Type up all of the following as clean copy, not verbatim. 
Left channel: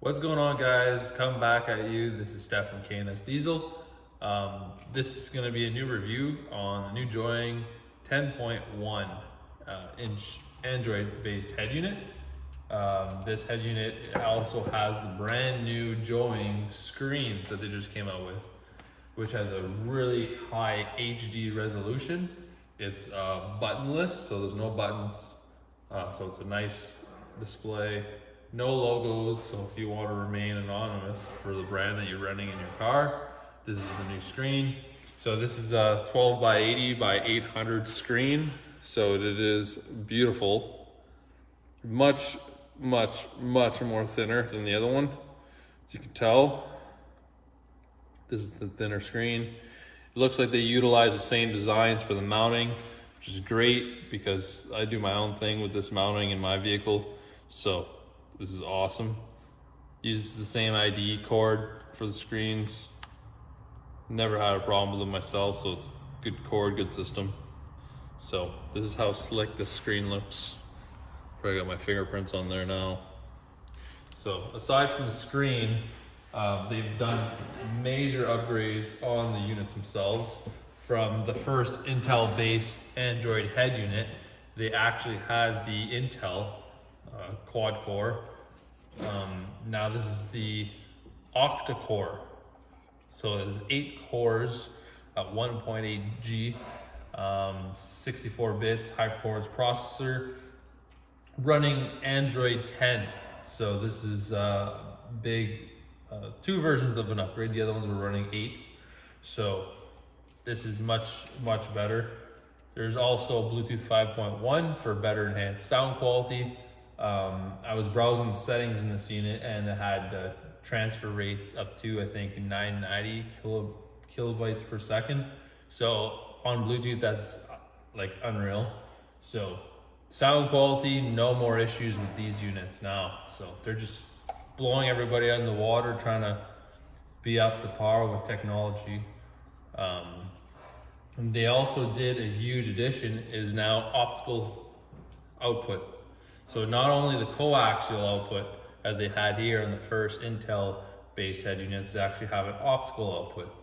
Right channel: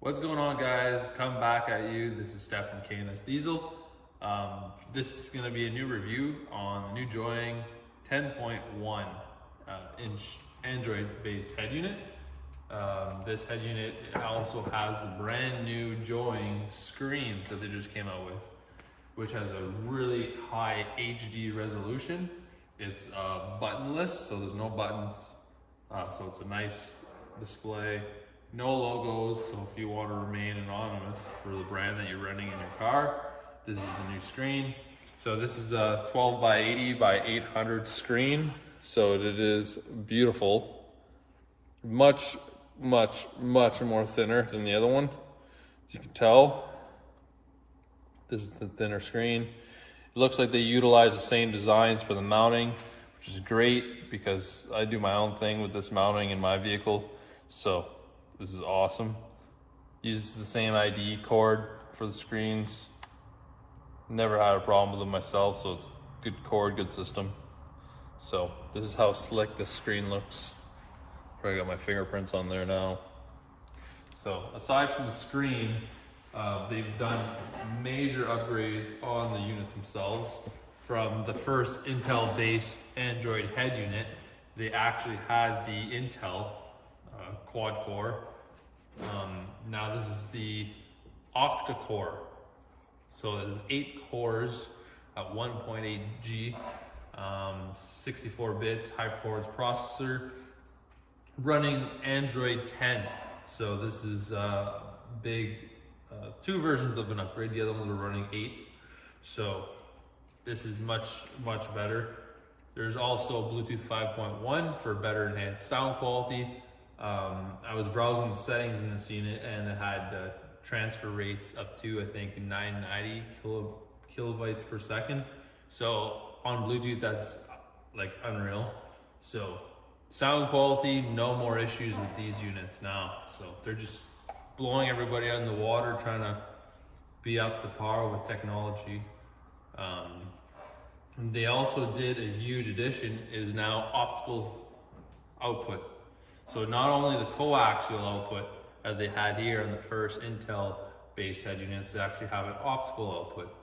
What's going on, guys? Come back at you. This is Steph from KNS Diesel. This is going to be a new review on the new Joying 10.1 inch Android based head unit. This head unit also has the brand new Joying screens that they just came out with, which has a really high HD resolution. It's buttonless, so there's no buttons. So it's a nice display. No logos, so if you want to remain anonymous for the brand that you're renting in your car, this is the new screen. So this is a 12 by 80 by 800 screen. So it is beautiful. Much more thinner than the other one. As you can tell, this is the thinner screen. It looks like they utilize the same designs for the mounting, which is great because I do my own thing with this mounting in my vehicle. So this is awesome. Uses the same ID cord for the screens. Never had a problem with them myself, so it's good cord, good system. So this is how slick this screen looks. Probably got my fingerprints on there now. So aside from the screen, they've done major upgrades on the units themselves. From the first Intel-based Android head unit, they actually had the Intel quad core. Now this is the octa-core. So there's 8 cores at 1.8 G, 64 bits, high performance processor, running Android 10. So this is big, 2 versions of an upgrade. The other ones were running 8. So this is much better. There's also Bluetooth 5.1 for better enhanced sound quality. I was browsing the settings in this unit and it had transfer rates up to, I think, 990 kilobytes per second. So on Bluetooth, that's like unreal. So sound quality, no more issues with these units now. So they're just blowing everybody out in the water, trying to be up to par with technology. And they also did a huge addition, is now optical output. So not only the coaxial output that they had here on the first Intel-based head units, they actually have an optical output.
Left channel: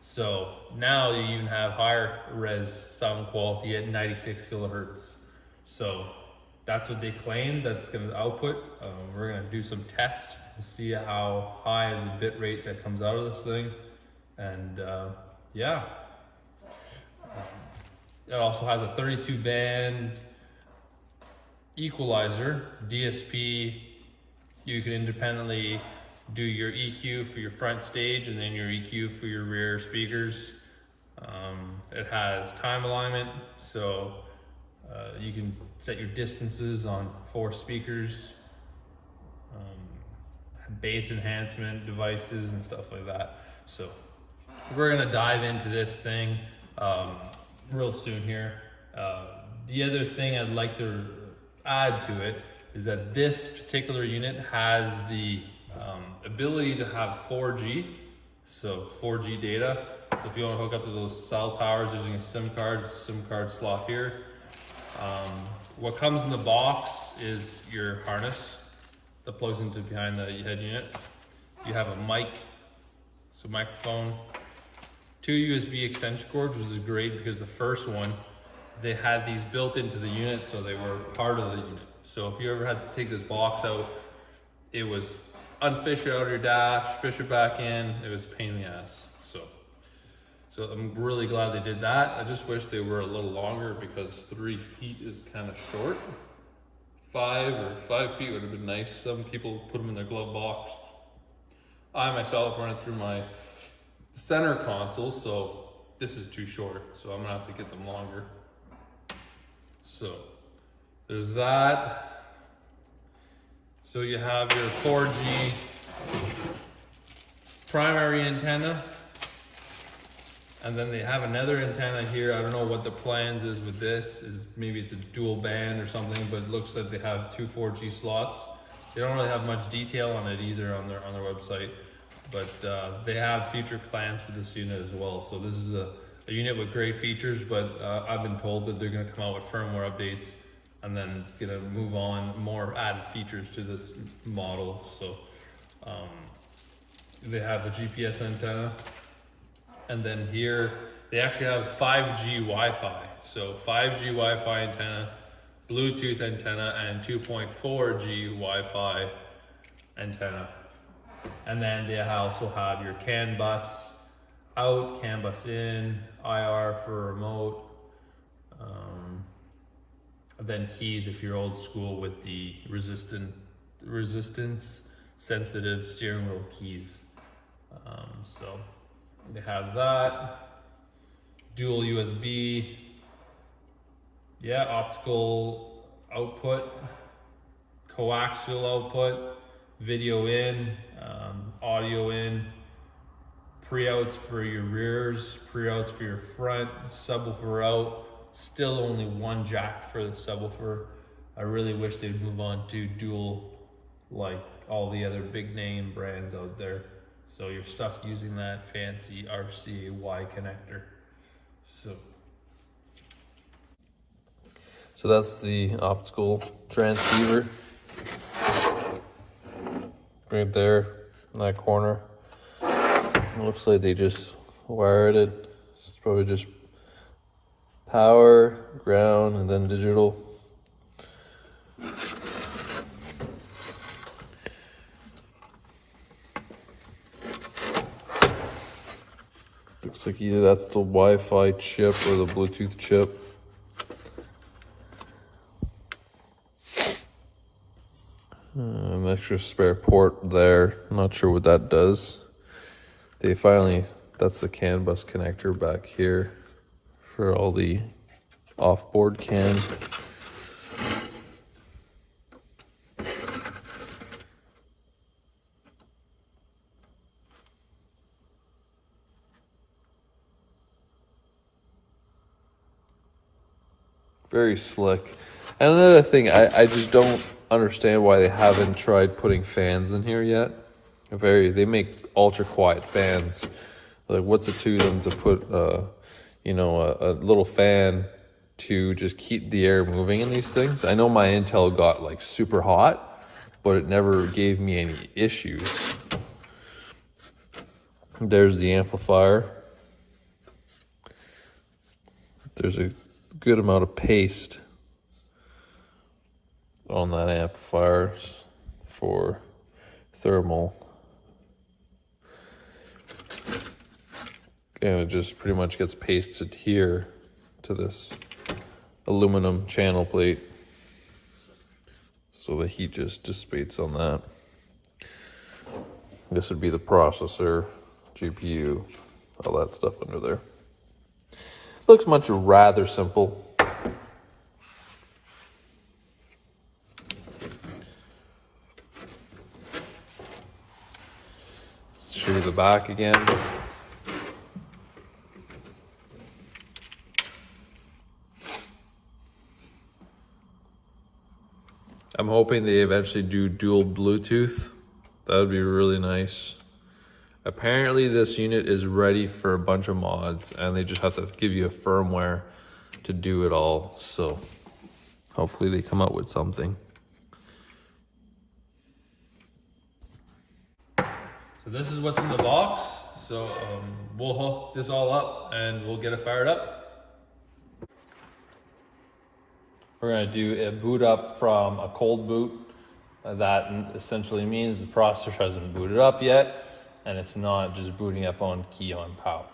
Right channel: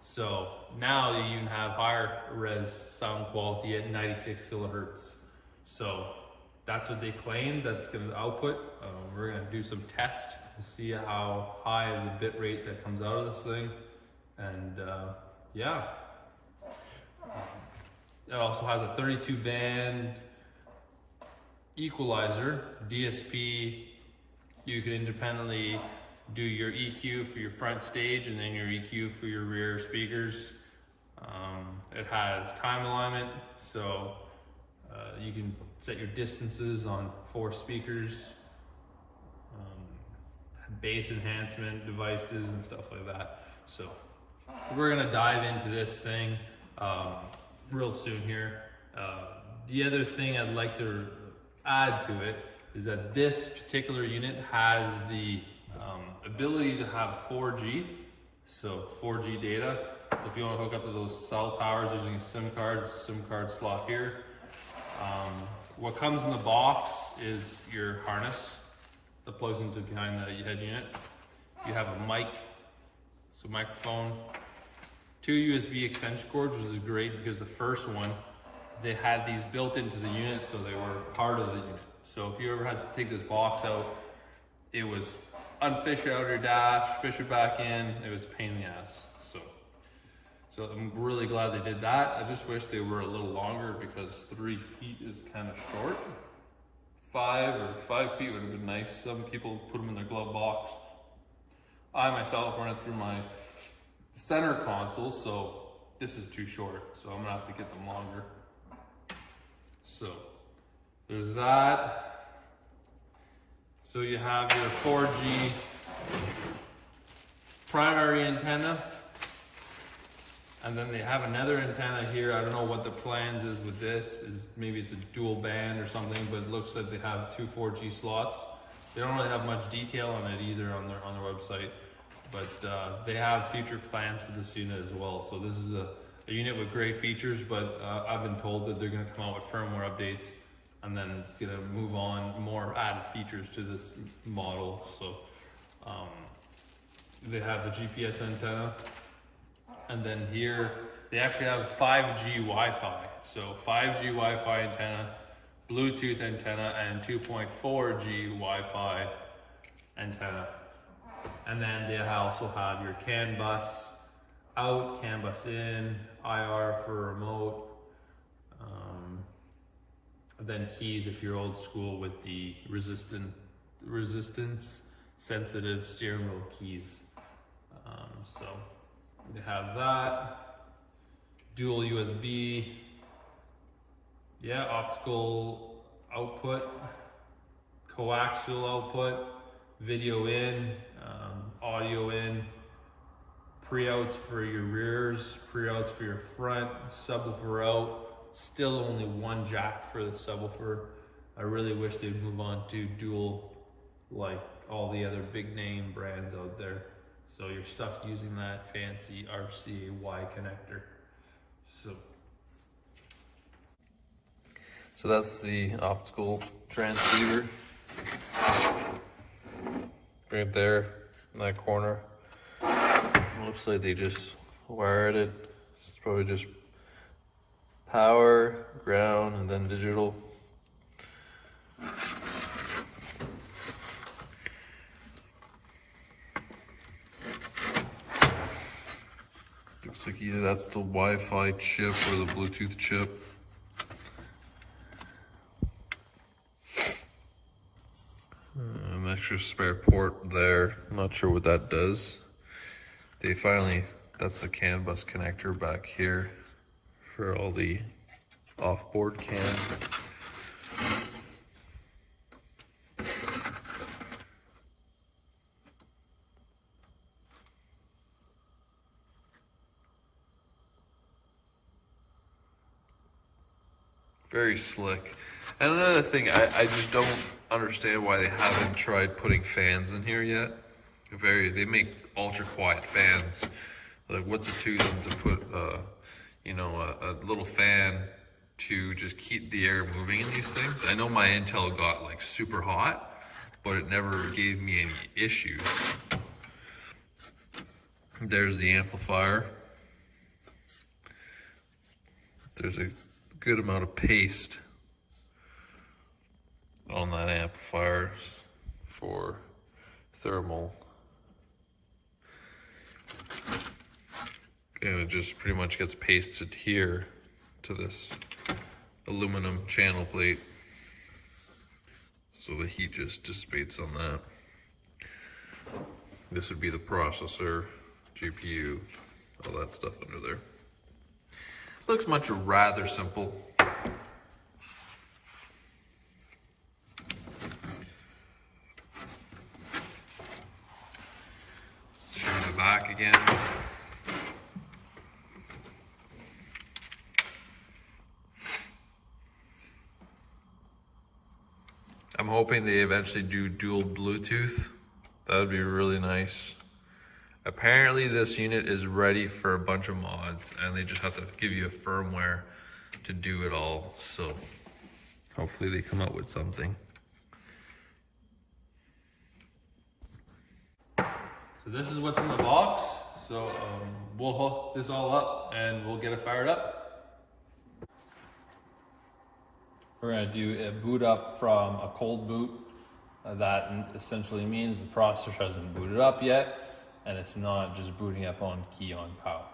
So now you even have higher res sound quality at 96 kilohertz. So that's what they claim that's going to output. We're going to do some tests to see how high the bit rate that comes out of this thing. And yeah. It also has a 32 band Equalizer, DSP. You can independently do your EQ for your front stage and then your EQ for your rear speakers. It has time alignment, so you can set your distances on 4 speakers, bass enhancement devices and stuff like that. So we're gonna dive into this thing real soon here. The other thing I'd like to add to it is that this particular unit has the ability to have 4G, so 4G data. So if you want to hook up to those cell towers using a SIM card slot here. What comes in the box is your harness that plugs into behind the head unit. You have a mic, so microphone, 2 USB extension cords, which is great because the first one, they had these built into the unit, so they were part of the unit. So if you ever had to take this box out, it was unfish it out of your dash, fish it back in, it was a pain in the ass. So I'm really glad they did that. I just wish they were a little longer because 3 feet is kind of short. 5 feet would have been nice. Some people put them in their glove box. I myself run it through my center console, so this is too short. So I'm gonna have to get them longer. So there's that. So you have your 4G primary antenna, and then they have another antenna here. I don't know what the plans is with this. Maybe it's a dual band or something, but it looks like they have 2 4G slots. They don't really have much detail on it either on their website, but they have future plans for this unit as well. So this is a unit with great features, but I've been told that they're going to come out with firmware updates and then it's going to move on more added features to this model. So They have a GPS antenna, and then here they actually have 5G Wi-Fi. So 5G Wi-Fi antenna, Bluetooth antenna, and 2.4G Wi-Fi antenna. And then they also have your CAN bus out, CAN bus in, IR for remote, then keys if you're old school with the resistance sensitive steering wheel keys. So they have that, dual USB, yeah, optical output, coaxial output, video in, audio in, pre-outs for your rears, pre-outs for your front, subwoofer out. Still only one jack for the subwoofer. I really wish they'd move on to dual like all the other big name brands out there. So you're stuck using that fancy RCA-Y connector. So that's the optical transceiver right there in that corner. It looks like they just wired it. It's probably just power, ground, and then digital. Looks like either that's the Wi-Fi chip or the Bluetooth chip. An extra spare port there. I'm not sure what that does. That's the CAN bus connector back here for all the off-board CAN. Very slick. And another thing, I just don't understand why they haven't tried putting fans in here yet. They make ultra quiet fans. Like, what's it to them to put a little fan to just keep the air moving in these things? I know my Intel got like super hot, but it never gave me any issues. There's the amplifier. There's a good amount of paste on that amplifier for thermal. And it just pretty much gets pasted here to this aluminum channel plate. So the heat just dissipates on that. This would be the processor, GPU, all that stuff under there. Looks much rather simple. Show you the back again. I'm hoping they eventually do dual Bluetooth. That would be really nice. Apparently this unit is ready for a bunch of mods and they just have to give you a firmware to do it all. So hopefully they come up with something. So this is what's in the box. So we'll hook this all up and we'll get it fired up. We're gonna do a boot up from a cold boot. That essentially means the processor hasn't booted up yet and it's not just booting up on key on power.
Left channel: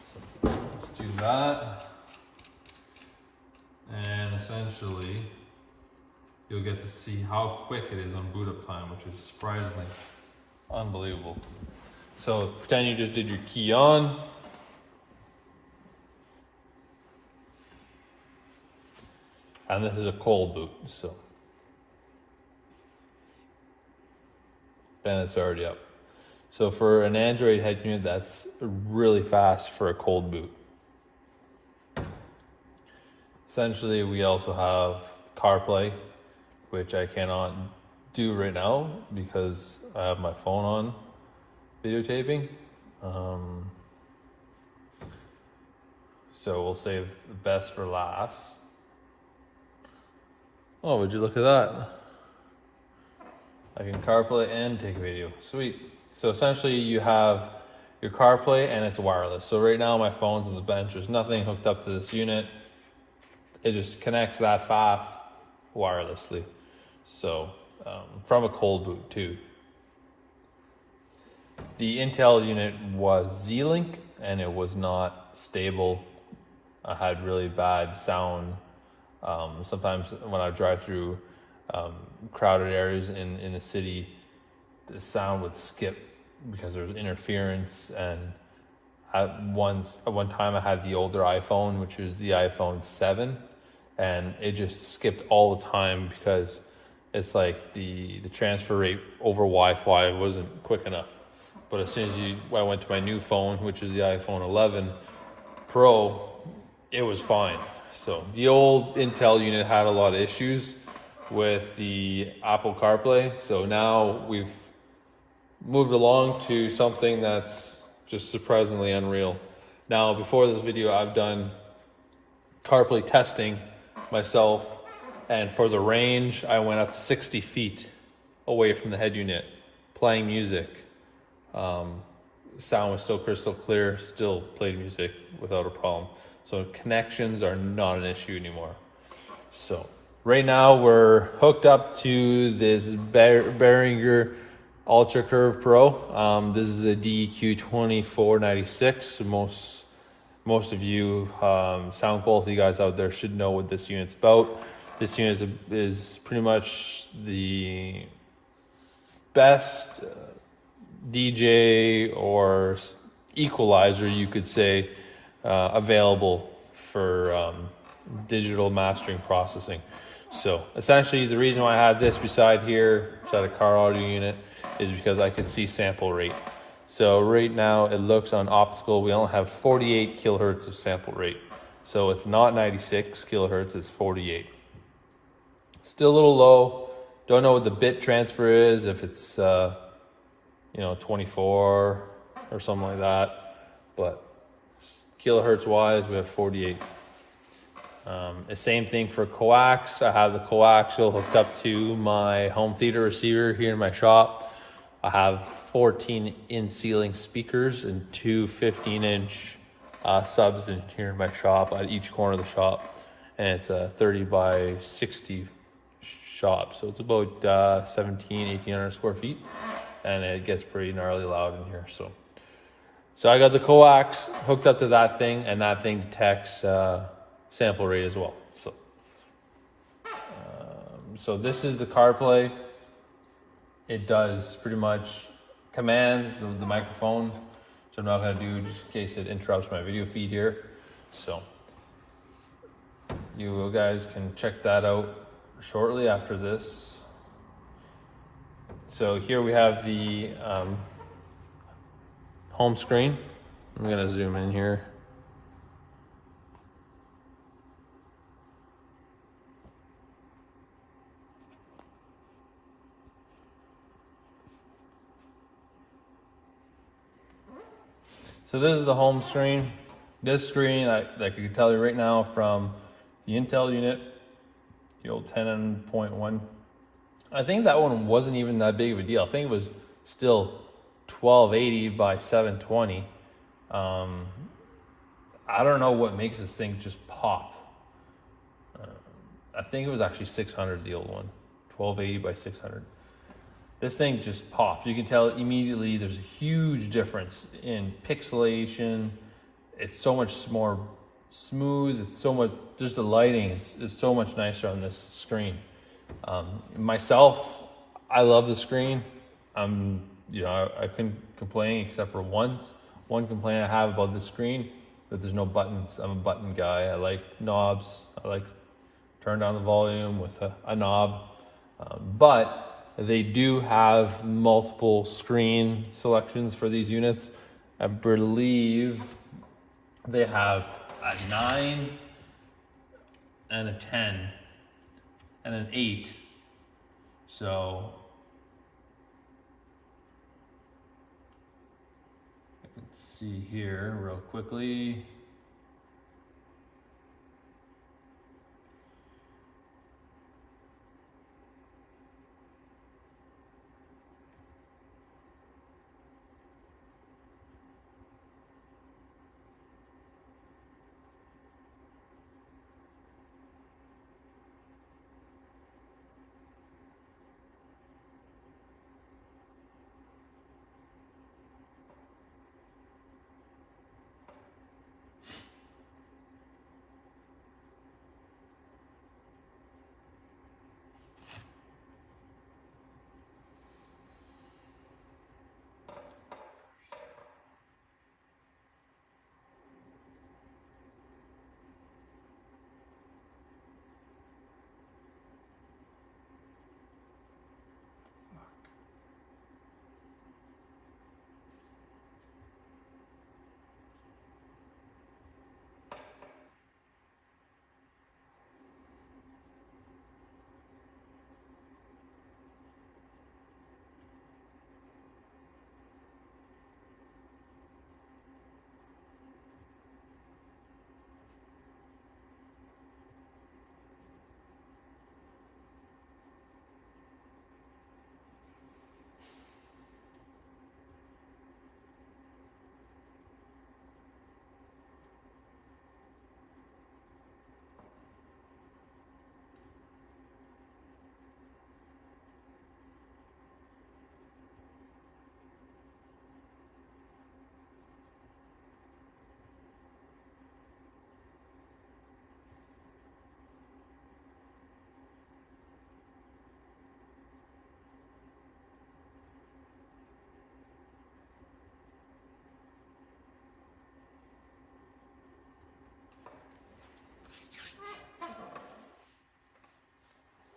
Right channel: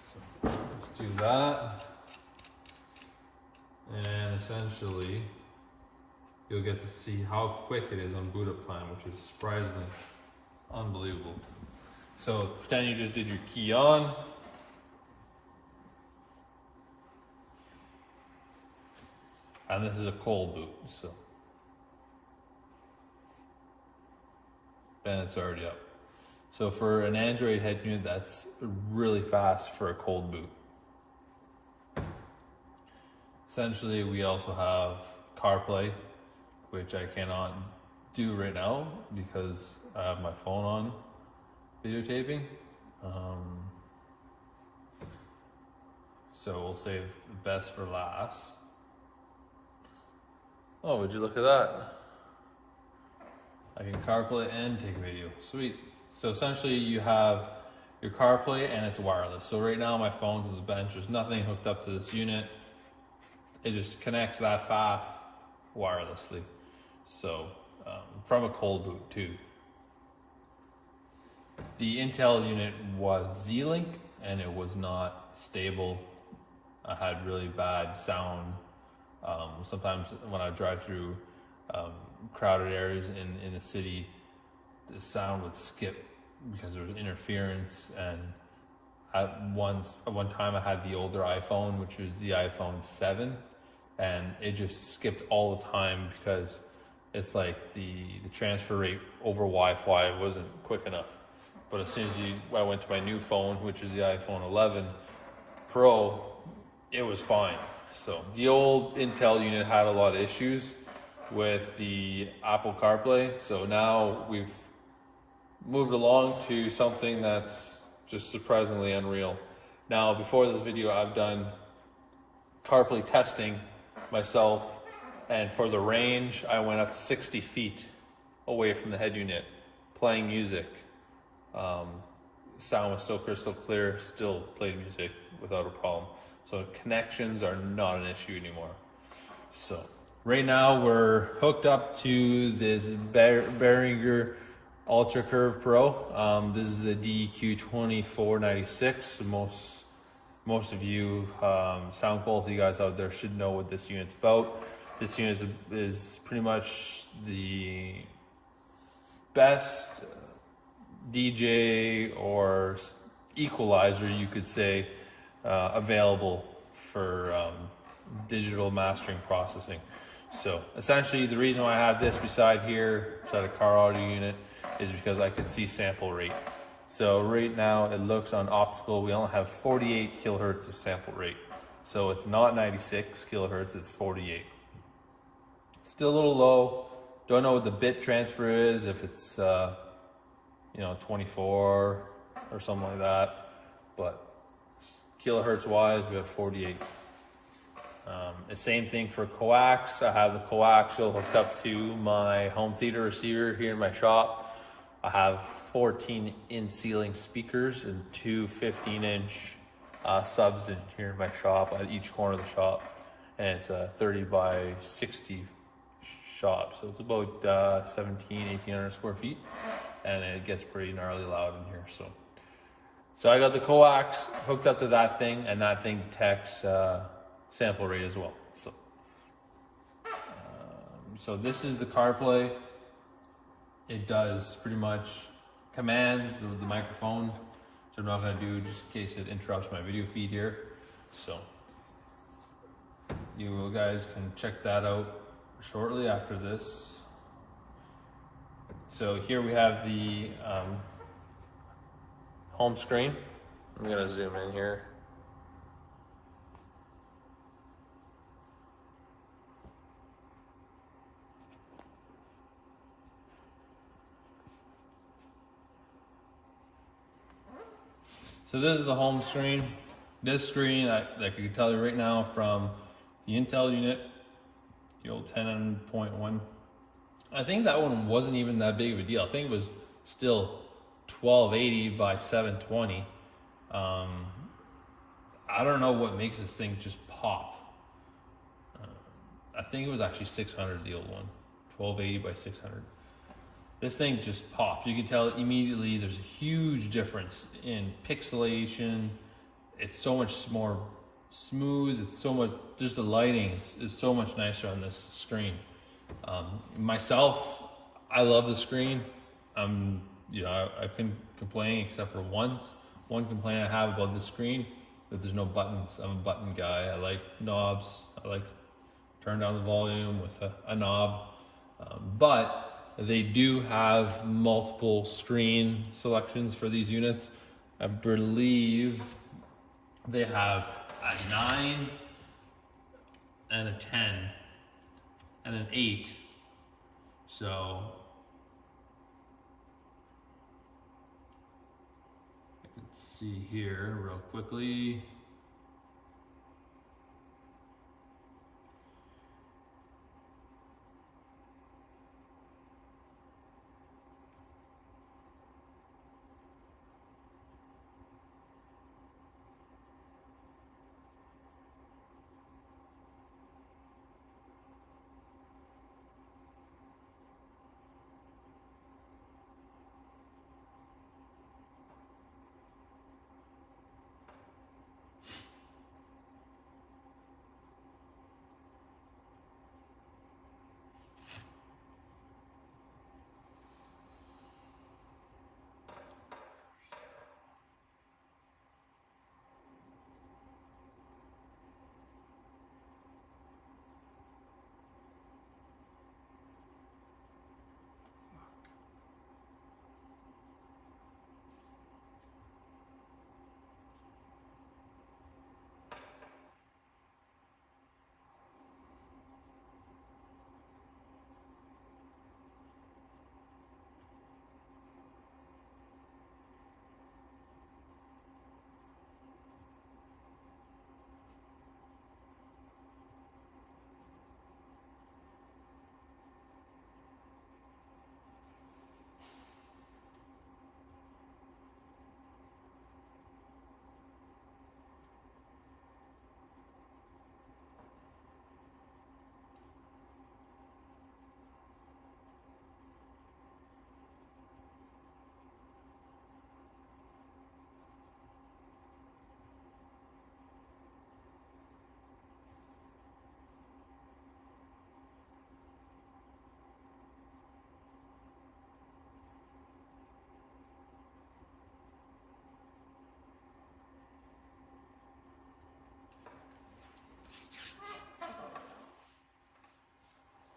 So let's do that. And essentially, you'll get to see how quick it is on boot up time, which is surprisingly unbelievable. So pretend you just did your key on. And this is a cold boot, so. And it's already up. So for an Android head unit, that's really fast for a cold boot. Essentially, we also have CarPlay, which I cannot do right now because I have my phone on videotaping. So we'll save the best for last. Oh, would you look at that? I can CarPlay and take a video. Sweet. So essentially you have your CarPlay and it's wireless. So right now my phone's on the bench. There's nothing hooked up to this unit. It just connects that fast wirelessly. So from a cold boot too. The Intel unit was Z-Link and it was not stable. I had really bad sound. Sometimes when I drive through crowded areas in the city, the sound would skip because there was interference. And at one time I had the older iPhone, which was the iPhone 7, and it just skipped all the time because it's like the transfer rate over Wi-Fi wasn't quick enough. But as soon as I went to my new phone, which is the iPhone 11 Pro, it was fine. So the old Intel unit had a lot of issues with the Apple CarPlay. So now we've moved along to something that's just surprisingly unreal. Now, before this video, I've done CarPlay testing myself, and for the range, I went up to 60 feet away from the head unit, playing music. Sound was so crystal clear, still played music without a problem. So connections are not an issue anymore. So right now we're hooked up to this Behringer Ultra Curve Pro. This is a DEQ-2496. Most of you sound quality guys out there should know what this unit's about. This unit is pretty much the best DJ or equalizer, you could say, available for digital mastering processing. So essentially the reason why I have this beside a car audio unit, is because I can see sample rate. So right now it looks on optical, we only have 48 kilohertz of sample rate. So it's not 96 kilohertz, it's 48. Still a little low. Don't know what the bit transfer is, if it's 24 or something like that, but kilohertz wise we have 48. The same thing for coax. I have the coaxial hooked up to my home theater receiver here in my shop. I have 14 in ceiling speakers and two 15-inch subs in here in my shop at each corner of the shop, and it's a 30 by 60 shop, so it's about 1800 square feet, and it gets pretty gnarly loud in here. So I got the coax hooked up to that thing, and that thing detects sample rate as well. So this is the CarPlay. It does pretty much commands the microphone, which I'm not going to do just in case it interrupts my video feed here. So you guys can check that out shortly after this. So here we have the home screen. I'm going to zoom in here. So this is the home screen. This screen, I can tell you right now from the Intel unit, the old 10N4G. I think that one wasn't even that big of a deal. I think it was still 1280 by 720. I don't know what makes this thing just pop. I think it was actually 600, the old one, 1280 by 600. This thing just pops. You can tell immediately there's a huge difference in pixelation. It's so much more smooth. It's so much, just the lighting is so much nicer on this screen. Myself, I love the screen. I couldn't complain except for one complaint I have about this screen, that there's no buttons. I'm a button guy. I like knobs. I like turn down the volume with a knob, but they do have multiple screen selections for these units. I believe they have a 9 and a 10 and an 8. So let's see here real quickly.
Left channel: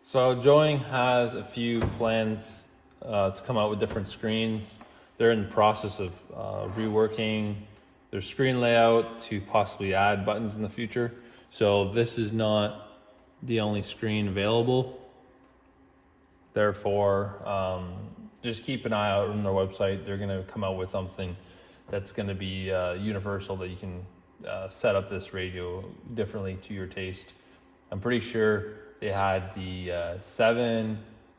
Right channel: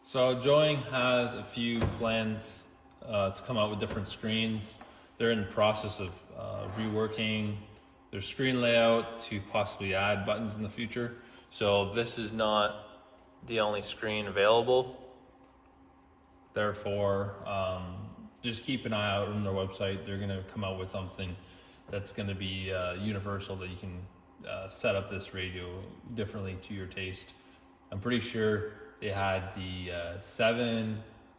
So Joying has a few plans to come out with different screens. They're in the process of reworking their screen layout to possibly add buttons in the future. So this is not the only screen available. Therefore, just keep an eye out on their website. They're going to come out with something that's going to be universal, that you can set up this radio differently to your taste. I'm pretty sure they had the 7,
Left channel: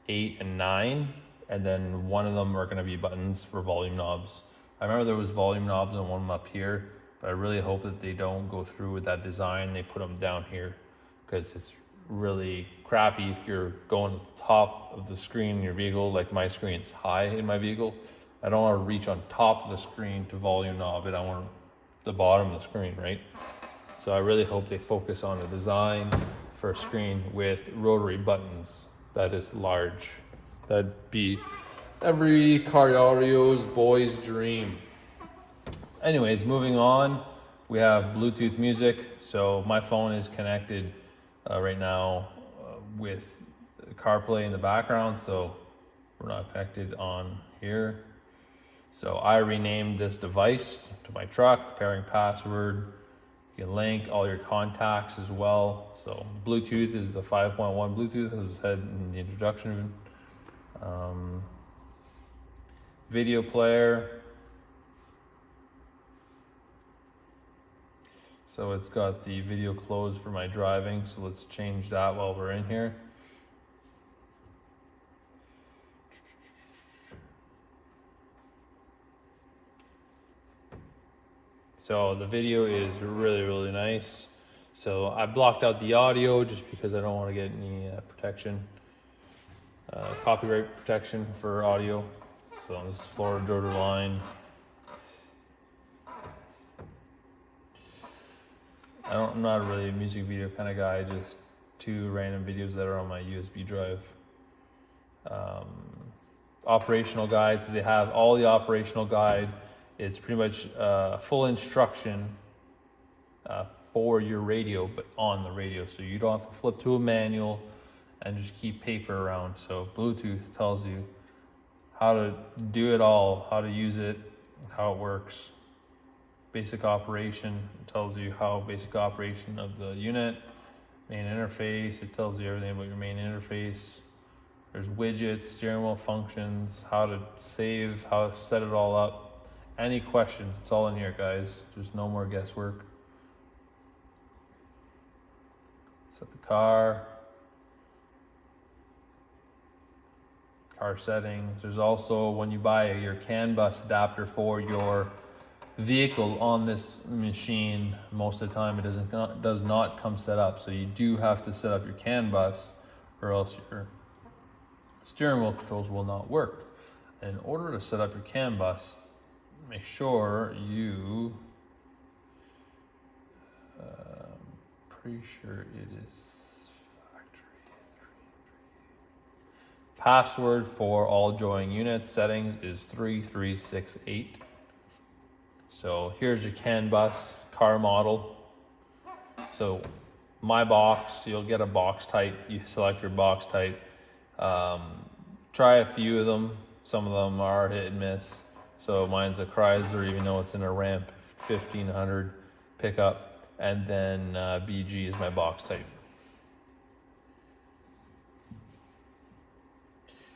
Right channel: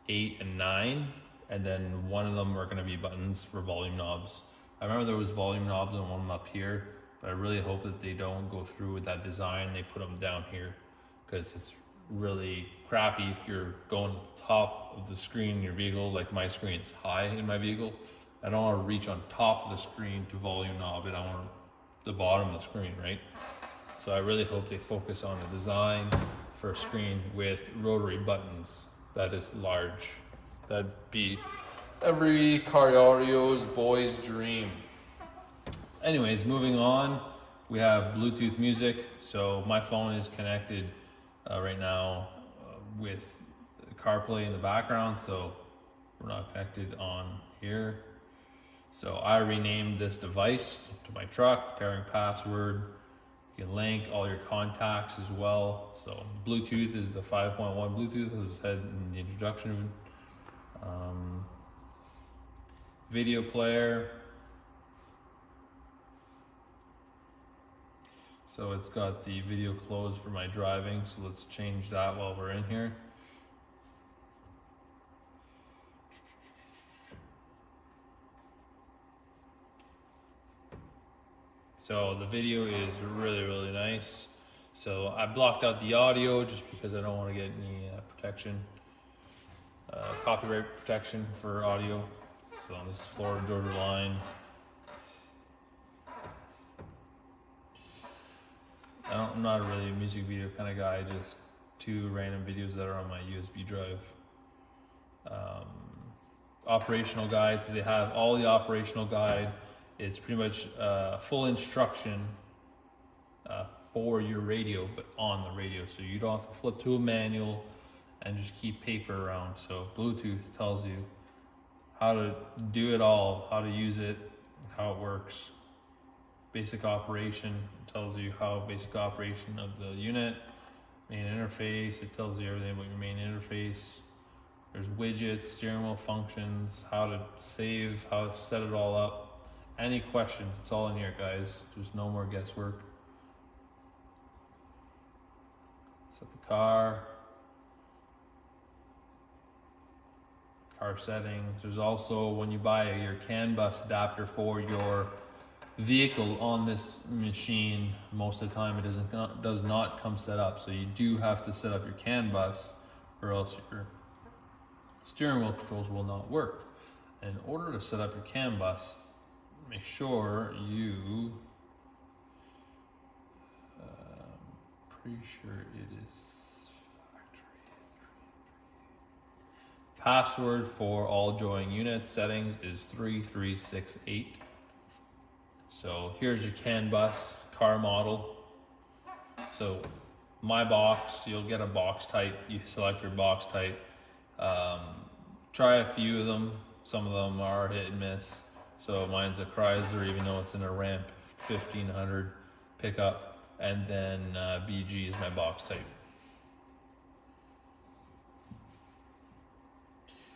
8, and 9, and then one of them are going to be buttons for volume knobs. I remember there was volume knobs on one up here, but I really hope that they don't go through with that design. They put them down here, because it's really crappy if you're going to the top of the screen in your vehicle. Like my screen's high in my vehicle. I don't want to reach on top of the screen to volume knob it. I want the bottom of the screen, right? So I really hope they focus on a design for a screen with rotary buttons that is large. That'd be every car audio's boy's dream. Anyways, moving on, we have Bluetooth music. So my phone is connected right now with CarPlay in the background, so we're not connected on here. So I renamed this device to my truck, pairing password. You can link all your contacts as well. So Bluetooth is the 5.1 Bluetooth, as I said in the introduction. Video player. So it's got the video closed for my driving. So let's change that while we're in here. So the video is really, really nice. So I blocked out the audio just because I don't want to get any protection, copyright protection for audio. So this is Florida Georgia line. I'm not really a music video kind of guy, just 2 random videos that are on my USB drive. Operational guide, so they have all the operational guide. It's pretty much full instruction for your radio, but on the radio. So you don't have to flip to a manual and just keep paper around. So Bluetooth tells you how to do it all, how to use it, how it works. Basic operation, it tells you how basic operation of the unit. Main interface, it tells you everything about your main interface. There's widgets, steering wheel functions, how to save, how to set it all up. Any questions, it's all in here, guys. There's no more guesswork. Set the car settings. There's also, when you buy your CAN bus adapter for your vehicle on this machine, most of the time it does not come set up. So you do have to set up your CAN bus, or else your steering wheel controls will not work. And in order to set up your CAN bus, make sure you, pretty sure it is factory 3. Password for all Joying units settings is 3368. So here's your CAN bus car model. So my box, you'll get a box type. You select your box type. Try a few of them. Some of them are hit and miss. So mine's a Chrysler, even though it's in a Ramp 1500 pickup. And then BG is my box type.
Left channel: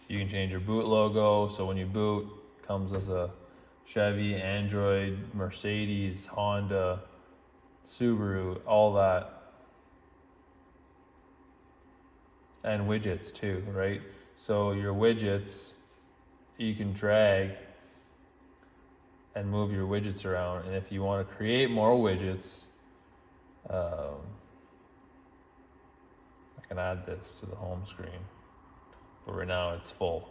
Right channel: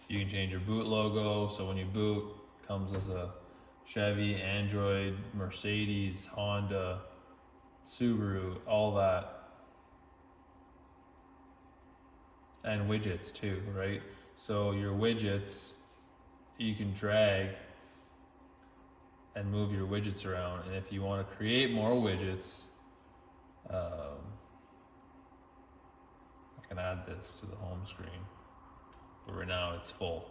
You can change your boot logo. So when you boot, it comes as a Chevy, Android, Mercedes, Honda, Subaru, all that. And widgets too, right? So your widgets, you can drag and move your widgets around. And if you want to create more widgets, I can add this to the home screen, but right now it's full.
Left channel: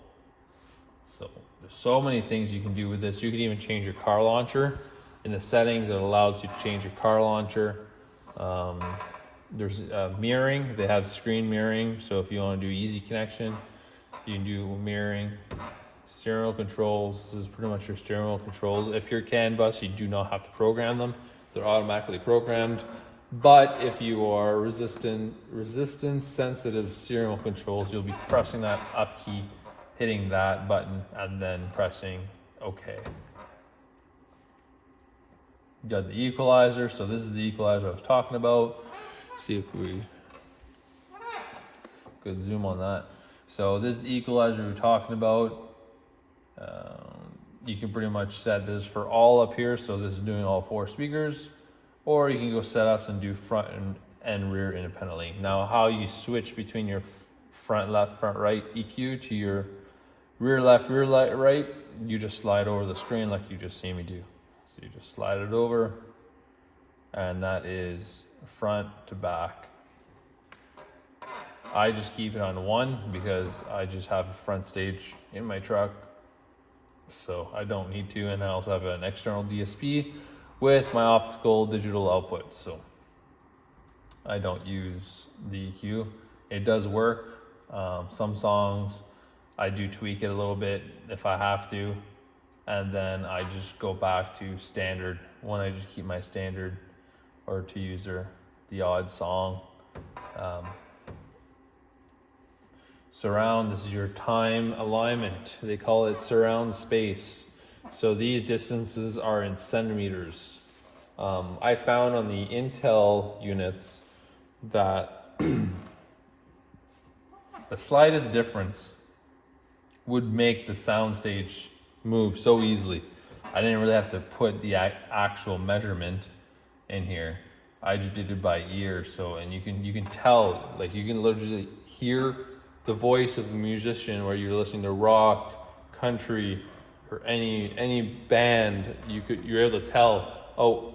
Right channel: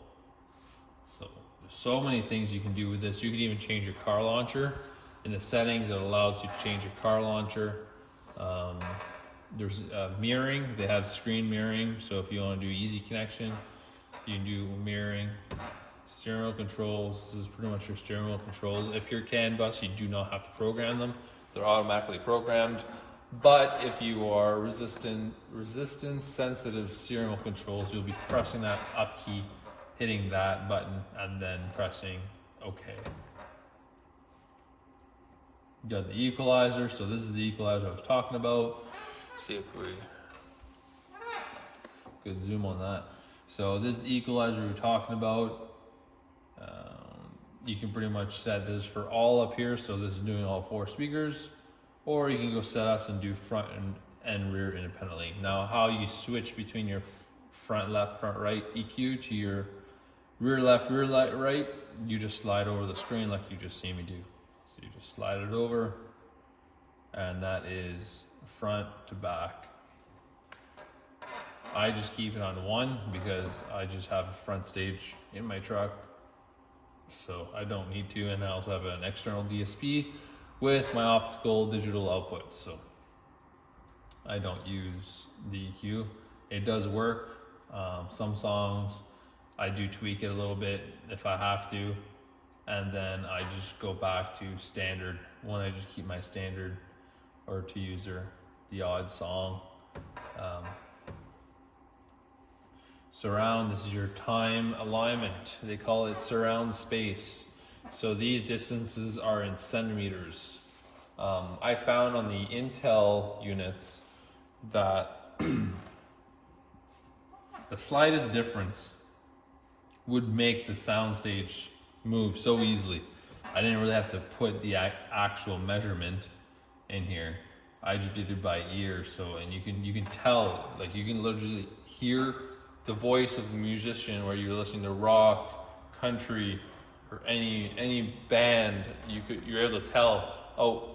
So there's so many things you can do with this. You can even change your car launcher. In the settings, it allows you to change your car launcher. There's mirroring. They have screen mirroring. So if you want to do easy connection, you can do mirroring. Steering wheel controls. This is pretty much your steering wheel controls. If you're CAN bus, you do not have to program them. They're automatically programmed. But if you are resistance sensitive serial controls, you'll be pressing that up key, hitting that button, and then pressing OK. You got the equalizer, so this is the equalizer I was talking about. See if we could zoom on that. So this is the equalizer we're talking about. You can pretty much set this for all up here, so this is doing all 4 speakers, or you can go setups and do front and rear independently. Now, how you switch between your front left, front right EQ to your rear left, rear right, you just slide over the screen like you just see me do. So you just slide it over, and that is front to back. I just keep it on 1 because I just have a front stage in my truck, so I don't need to. And I also have an external DSP with my optical digital output, so I don't use the EQ. It does work. Some songs I do tweak it a little bit if I have to, and then I just go back to standard when I just keep my standard, or to use the odd song. Surround, this is your time alignment. They call it surround space. So these distances are in centimeters. I found on the Intel units that the slightest difference would make the soundstage move so easily. I didn't really have to put the actual measurement in here. I just did it by ear. So, and you can tell, like you can literally hear the voice of the musician, where you're listening to rock, country, or any band. You're able to tell. Oh,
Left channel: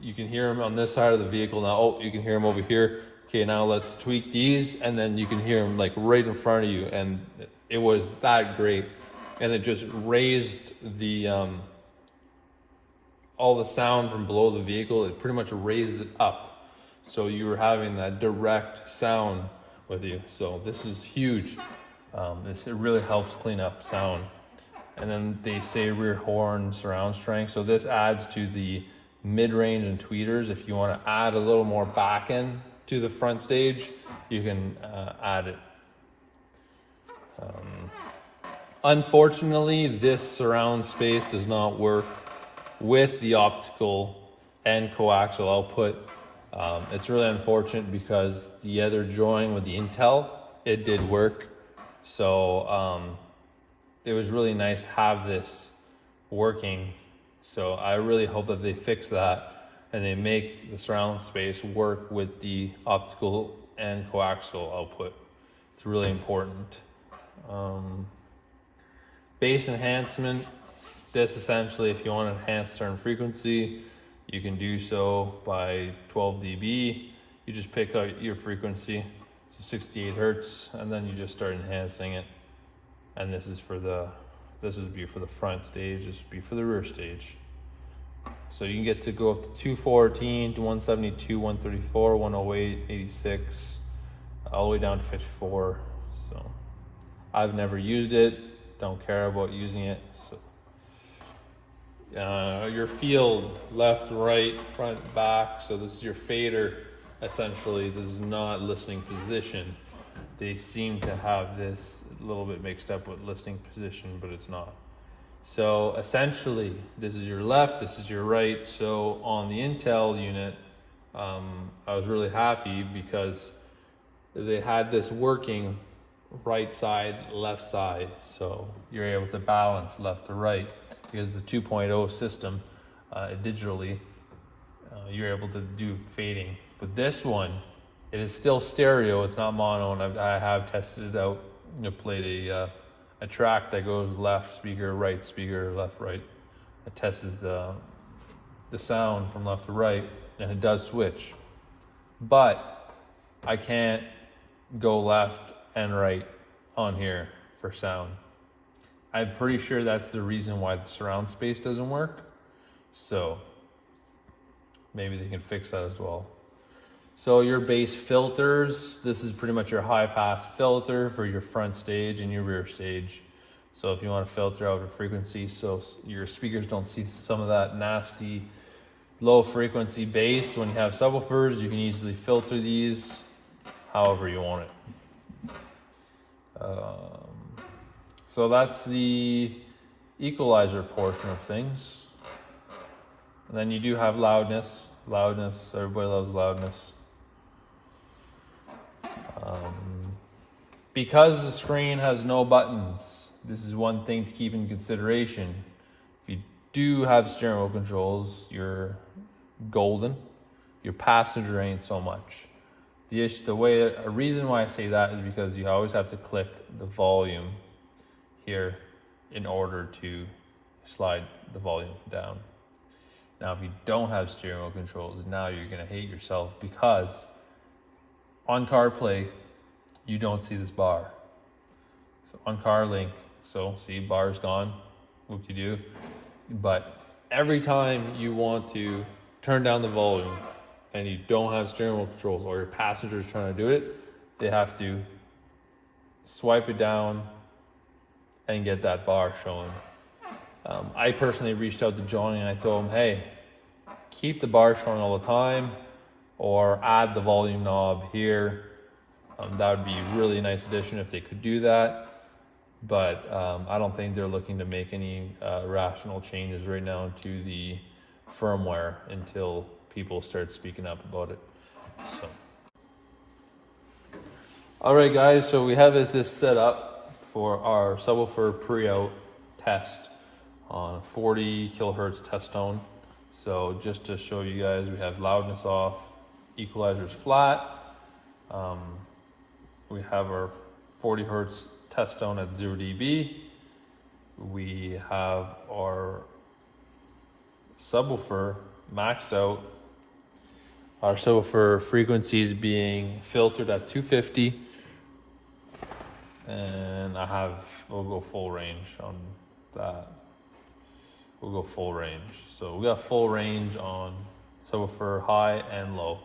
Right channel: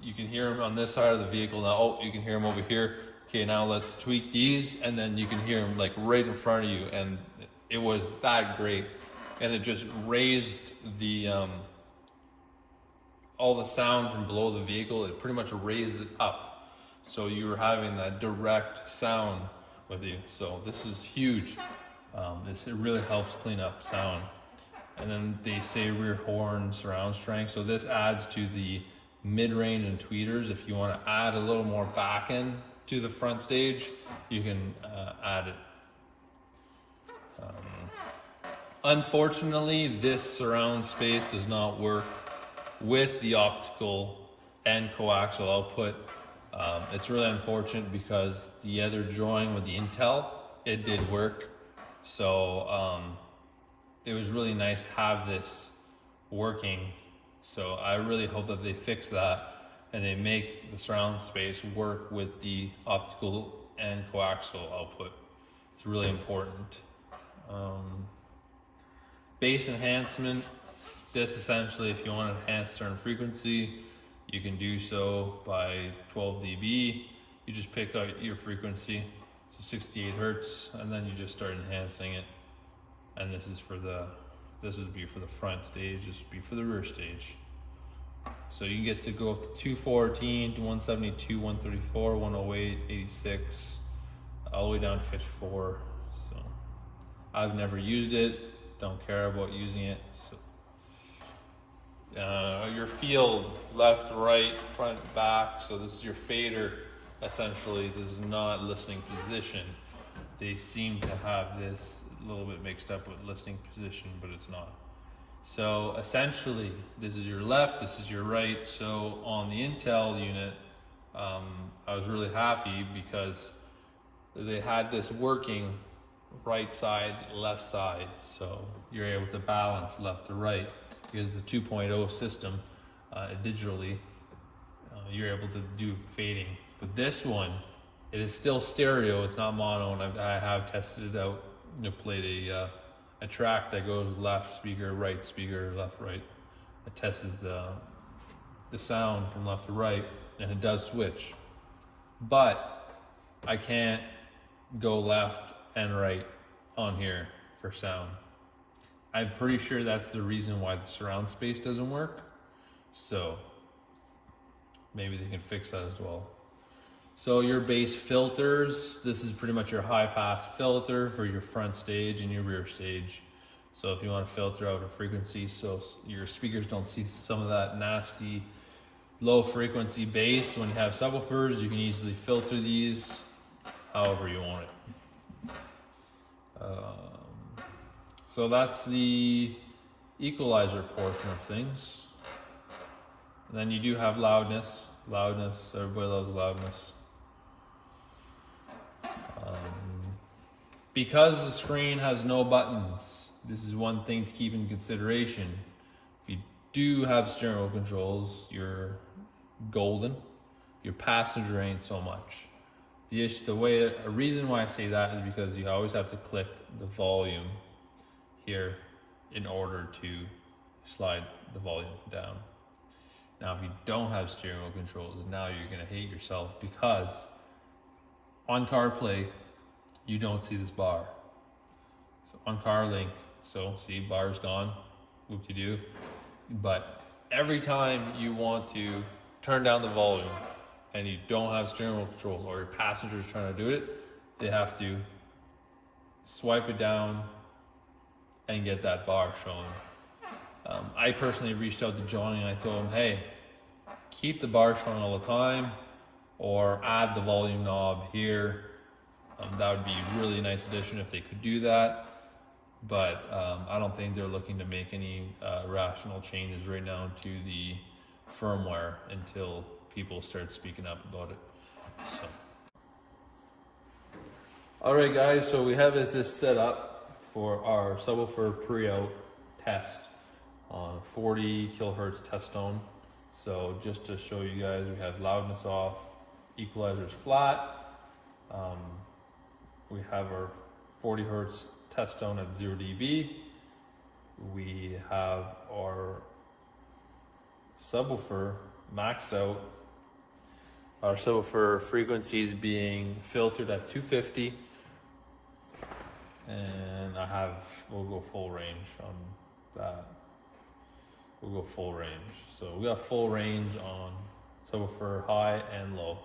you can hear him on this side of the vehicle now. Oh, you can hear him over here. Okay, now let's tweak these, and then you can hear him like right in front of you. And it was that great, and it just raised the all the sound from below the vehicle. It pretty much raised it up, so you were having that direct sound with you. So this is huge. It really helps clean up sound. And then they say rear horn surround strength. So this adds to the mid-range and tweeters. If you want to add a little more back end to the front stage, you can add it. Unfortunately, this surround space does not work with the optical and coaxial output. It's really unfortunate because the other drawing with the Intel, it did work. So it was really nice to have this working. So I really hope that they fix that and they make the surround space work with the optical and coaxial output. It's really important. Bass enhancement. This essentially, if you want to enhance certain frequency, you can do so by 12 dB. You just pick out your frequency, so 68 Hertz, and then you just start enhancing it. And this would be for the front stage, this would be for the rear stage. So you can get to go up to 214 to 172, 134, 108, 86, all the way down to 54. So I've never used it, don't care about using it. So your field, left, right, front, back. So this is your fader. Essentially, this is not listening position. They seem to have this a little bit mixed up with listening position, but it's not. So essentially, this is your left, this is your right. So on the Intel unit, I was really happy because they had this working right side, left side. So you're able to balance left to right. Because the 2.0 system, digitally, you're able to do fading. But this one, it is still stereo, it's not mono, and I have tested it out. I played a track that goes left speaker, left, right. It tests the sound from left to right, and it does switch. But I can't go left and right on here for sound. I'm pretty sure that's the reason why the surround space doesn't work. So maybe they can fix that as well. So your bass filters, this is pretty much your high pass filter for your front stage and your rear stage. So if you want to filter out a frequency so your speakers don't see some of that nasty low frequency bass. When you have subwoofers, you can easily filter these however you want it. So that's the equalizer portion of things. And then you do have loudness. Loudness, everybody loves loudness. Because the screen has no buttons, this is one thing to keep in consideration. If you do have steering wheel controls, you're golden. Your passenger ain't so much. A reason why I say that is because you always have to click the volume here in order to slide the volume down. Now, if you don't have steering wheel controls, now you're gonna hate yourself, because on CarPlay, you don't see this bar. So on CarLink, so see, bar's gone, whoop-de-doo. But every time you want to turn down the volume and you don't have steering wheel controls, or your passenger's trying to do it, they have to swipe it down and get that bar showing. I personally reached out to Johnny and I told him, hey, keep the bar showing all the time, or add the volume knob here. That would be a really nice addition if they could do that. But I don't think they're looking to make any rational changes right now to the firmware until people start speaking up about it. So, all right, guys. So we have this set up for our subwoofer pre-out test on a 40 kilohertz test tone. So just to show you guys, we have loudness off, equalizer's flat. We have our 40 hertz test tone at 0 dB. We have our subwoofer maxed out. Our subwoofer frequencies being filtered at 250. And we'll go full range on that. We'll go full range. So we got full range on subwoofer high and low.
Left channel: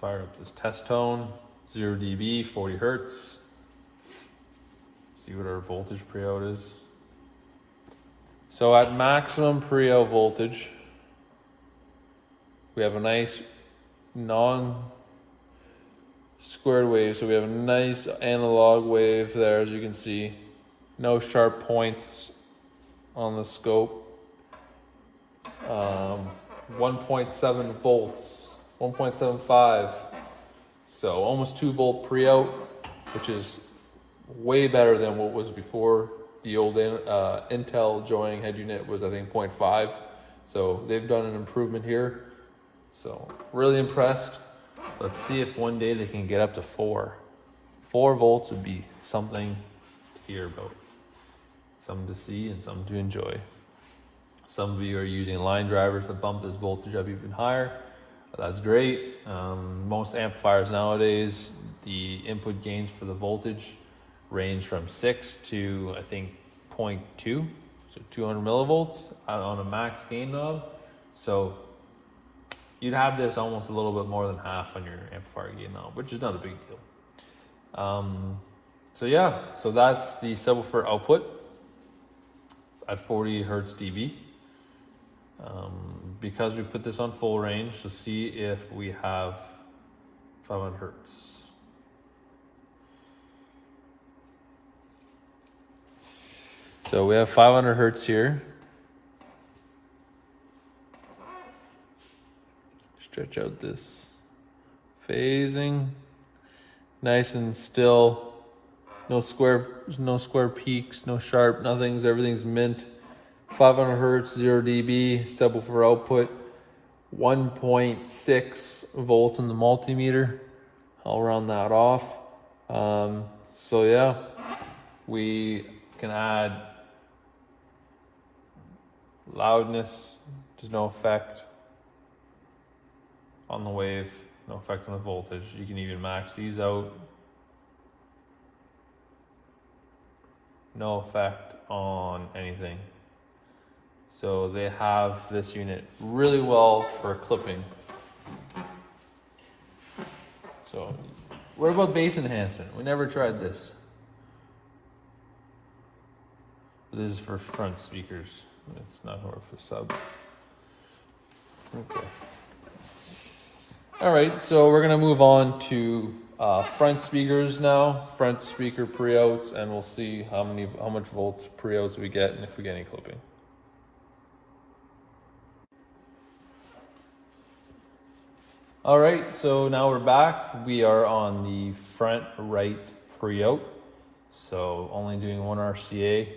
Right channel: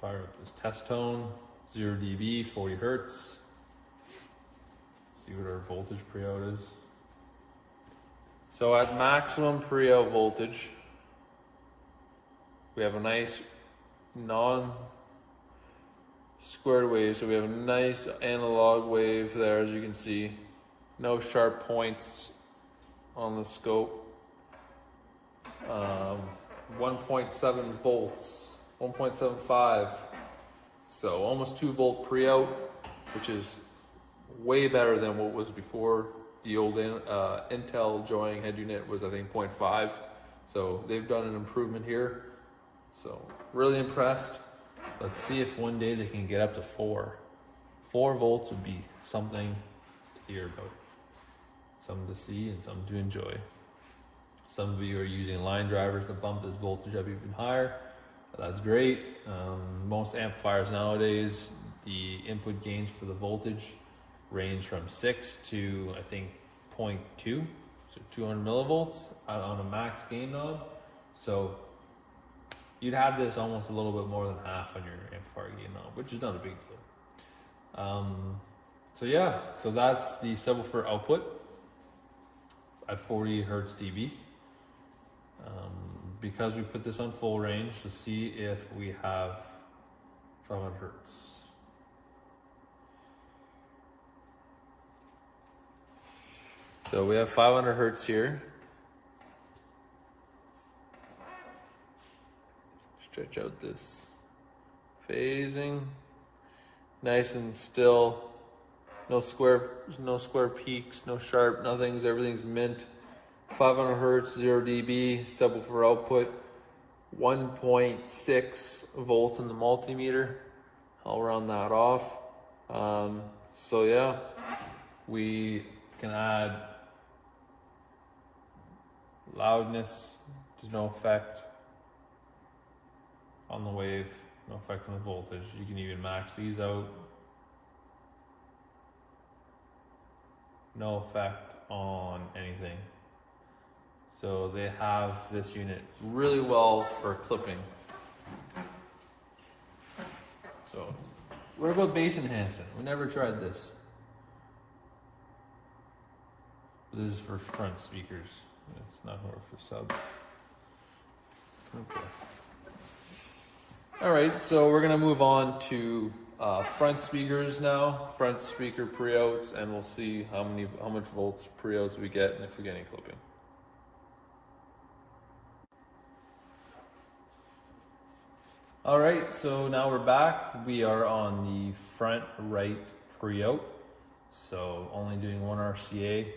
Fire up this test tone, 0 dB, 40 hertz. See what our voltage pre-out is. So at maximum pre-out voltage, we have a nice non-squared wave. So we have a nice analog wave there, as you can see. No sharp points on the scope. 1.7 volts. 1.75, so almost 2 volt pre-out, which is way better than what was before. The old Intel Joying head unit was, I think, 0.5, so they've done an improvement here. So really impressed. Let's see if one day they can get up to 4. 4 volts would be something to hear about, something to see and something to enjoy. Some of you are using line drivers to bump this voltage up even higher. That's great. Most amplifiers nowadays, the input gains for the voltage range from 6 to, I think, 0.2, so 200 millivolts on a max gain knob. So you'd have this almost a little bit more than half on your amplifier gain knob, which is not a big deal. So yeah, so that's the subwoofer output at 40 hertz dB. Because we put this on full range, to see if we have 500 hertz. So we have 500 hertz here. Stretch out this phasing, nice and still. No square peaks, no sharp, everything's mint. 500 hertz, 0 dB, subwoofer output, 1.6 volts in the multimeter. I'll round that off. So yeah, we can add loudness. There's no effect on the wave, no effect on the voltage. You can even max these out. No effect on anything. So they have this unit really well for clipping. So what about bass enhancement? We never tried this. This is for front speakers. It's not for sub. Okay. All right, so we're gonna move on to front speakers now, front speaker pre-outs, and we'll see how much volts pre-outs we get and if we get any clipping. All right, so now we're back. We are on the front right pre-out. So only doing one RCA.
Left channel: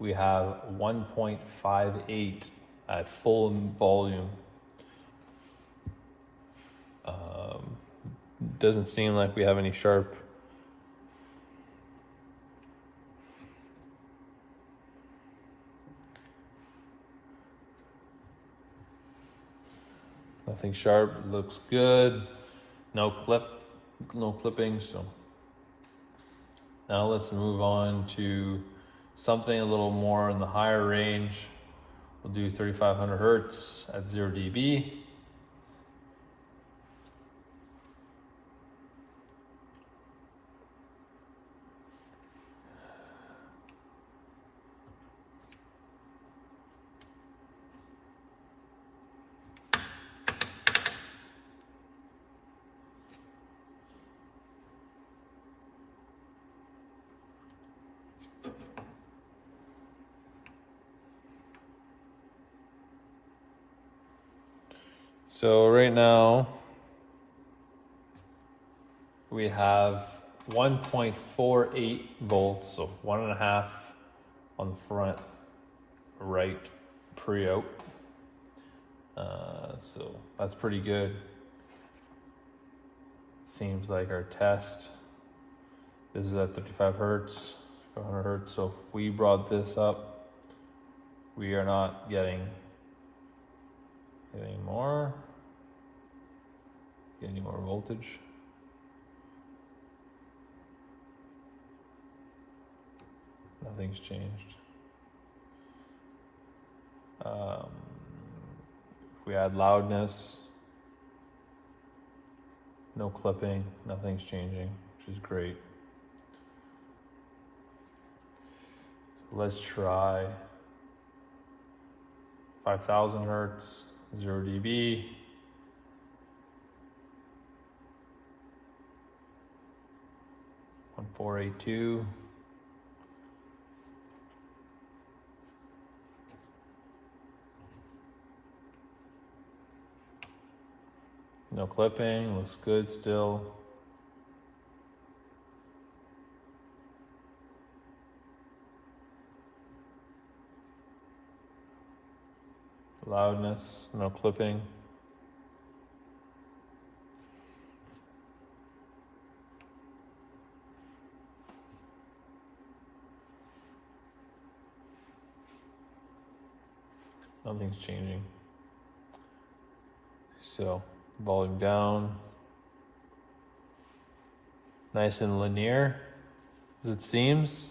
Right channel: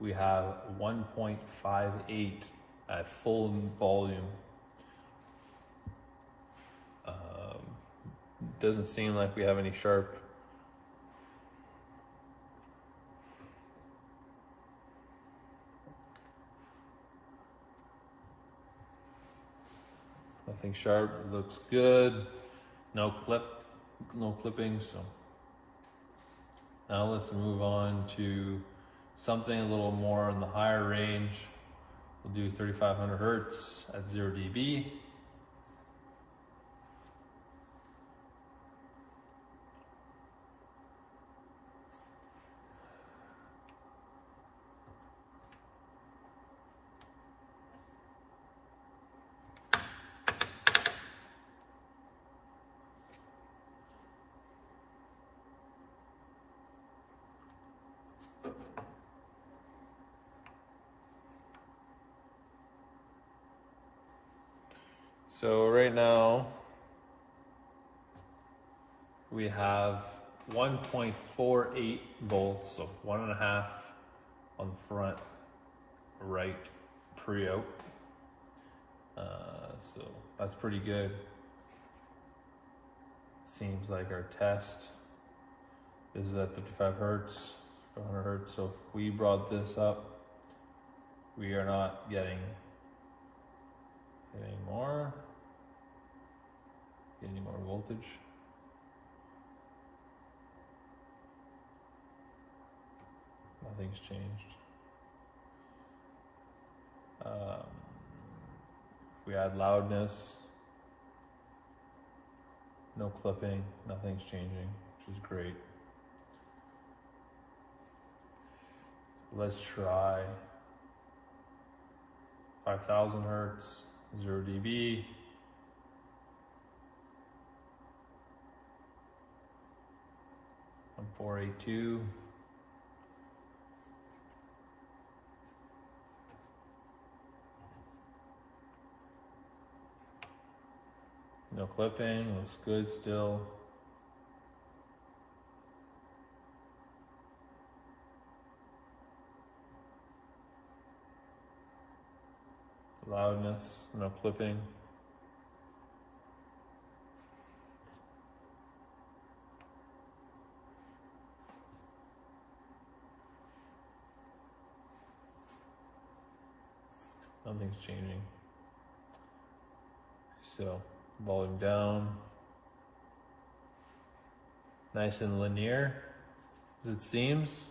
We have 1.58 at full volume. Doesn't seem like we have any sharp. Nothing sharp, looks good. No clipping, so. Now let's move on to something a little more in the higher range. We'll do 3500 Hertz at 0 dB. So right now we have 1.48 volts, so 1.5 on the front right pre-out. So that's pretty good. Seems like our test, this is at 35 Hertz, 500 Hertz. So if we brought this up, we are not getting any more voltage. Nothing's changed. If we add loudness, no clipping, nothing's changing, which is great. So let's try 5000 Hertz, 0 dB. On 482. No clipping, looks good still. Loudness, no clipping. Nothing's changing. So volume down. Nice and linear as it seems.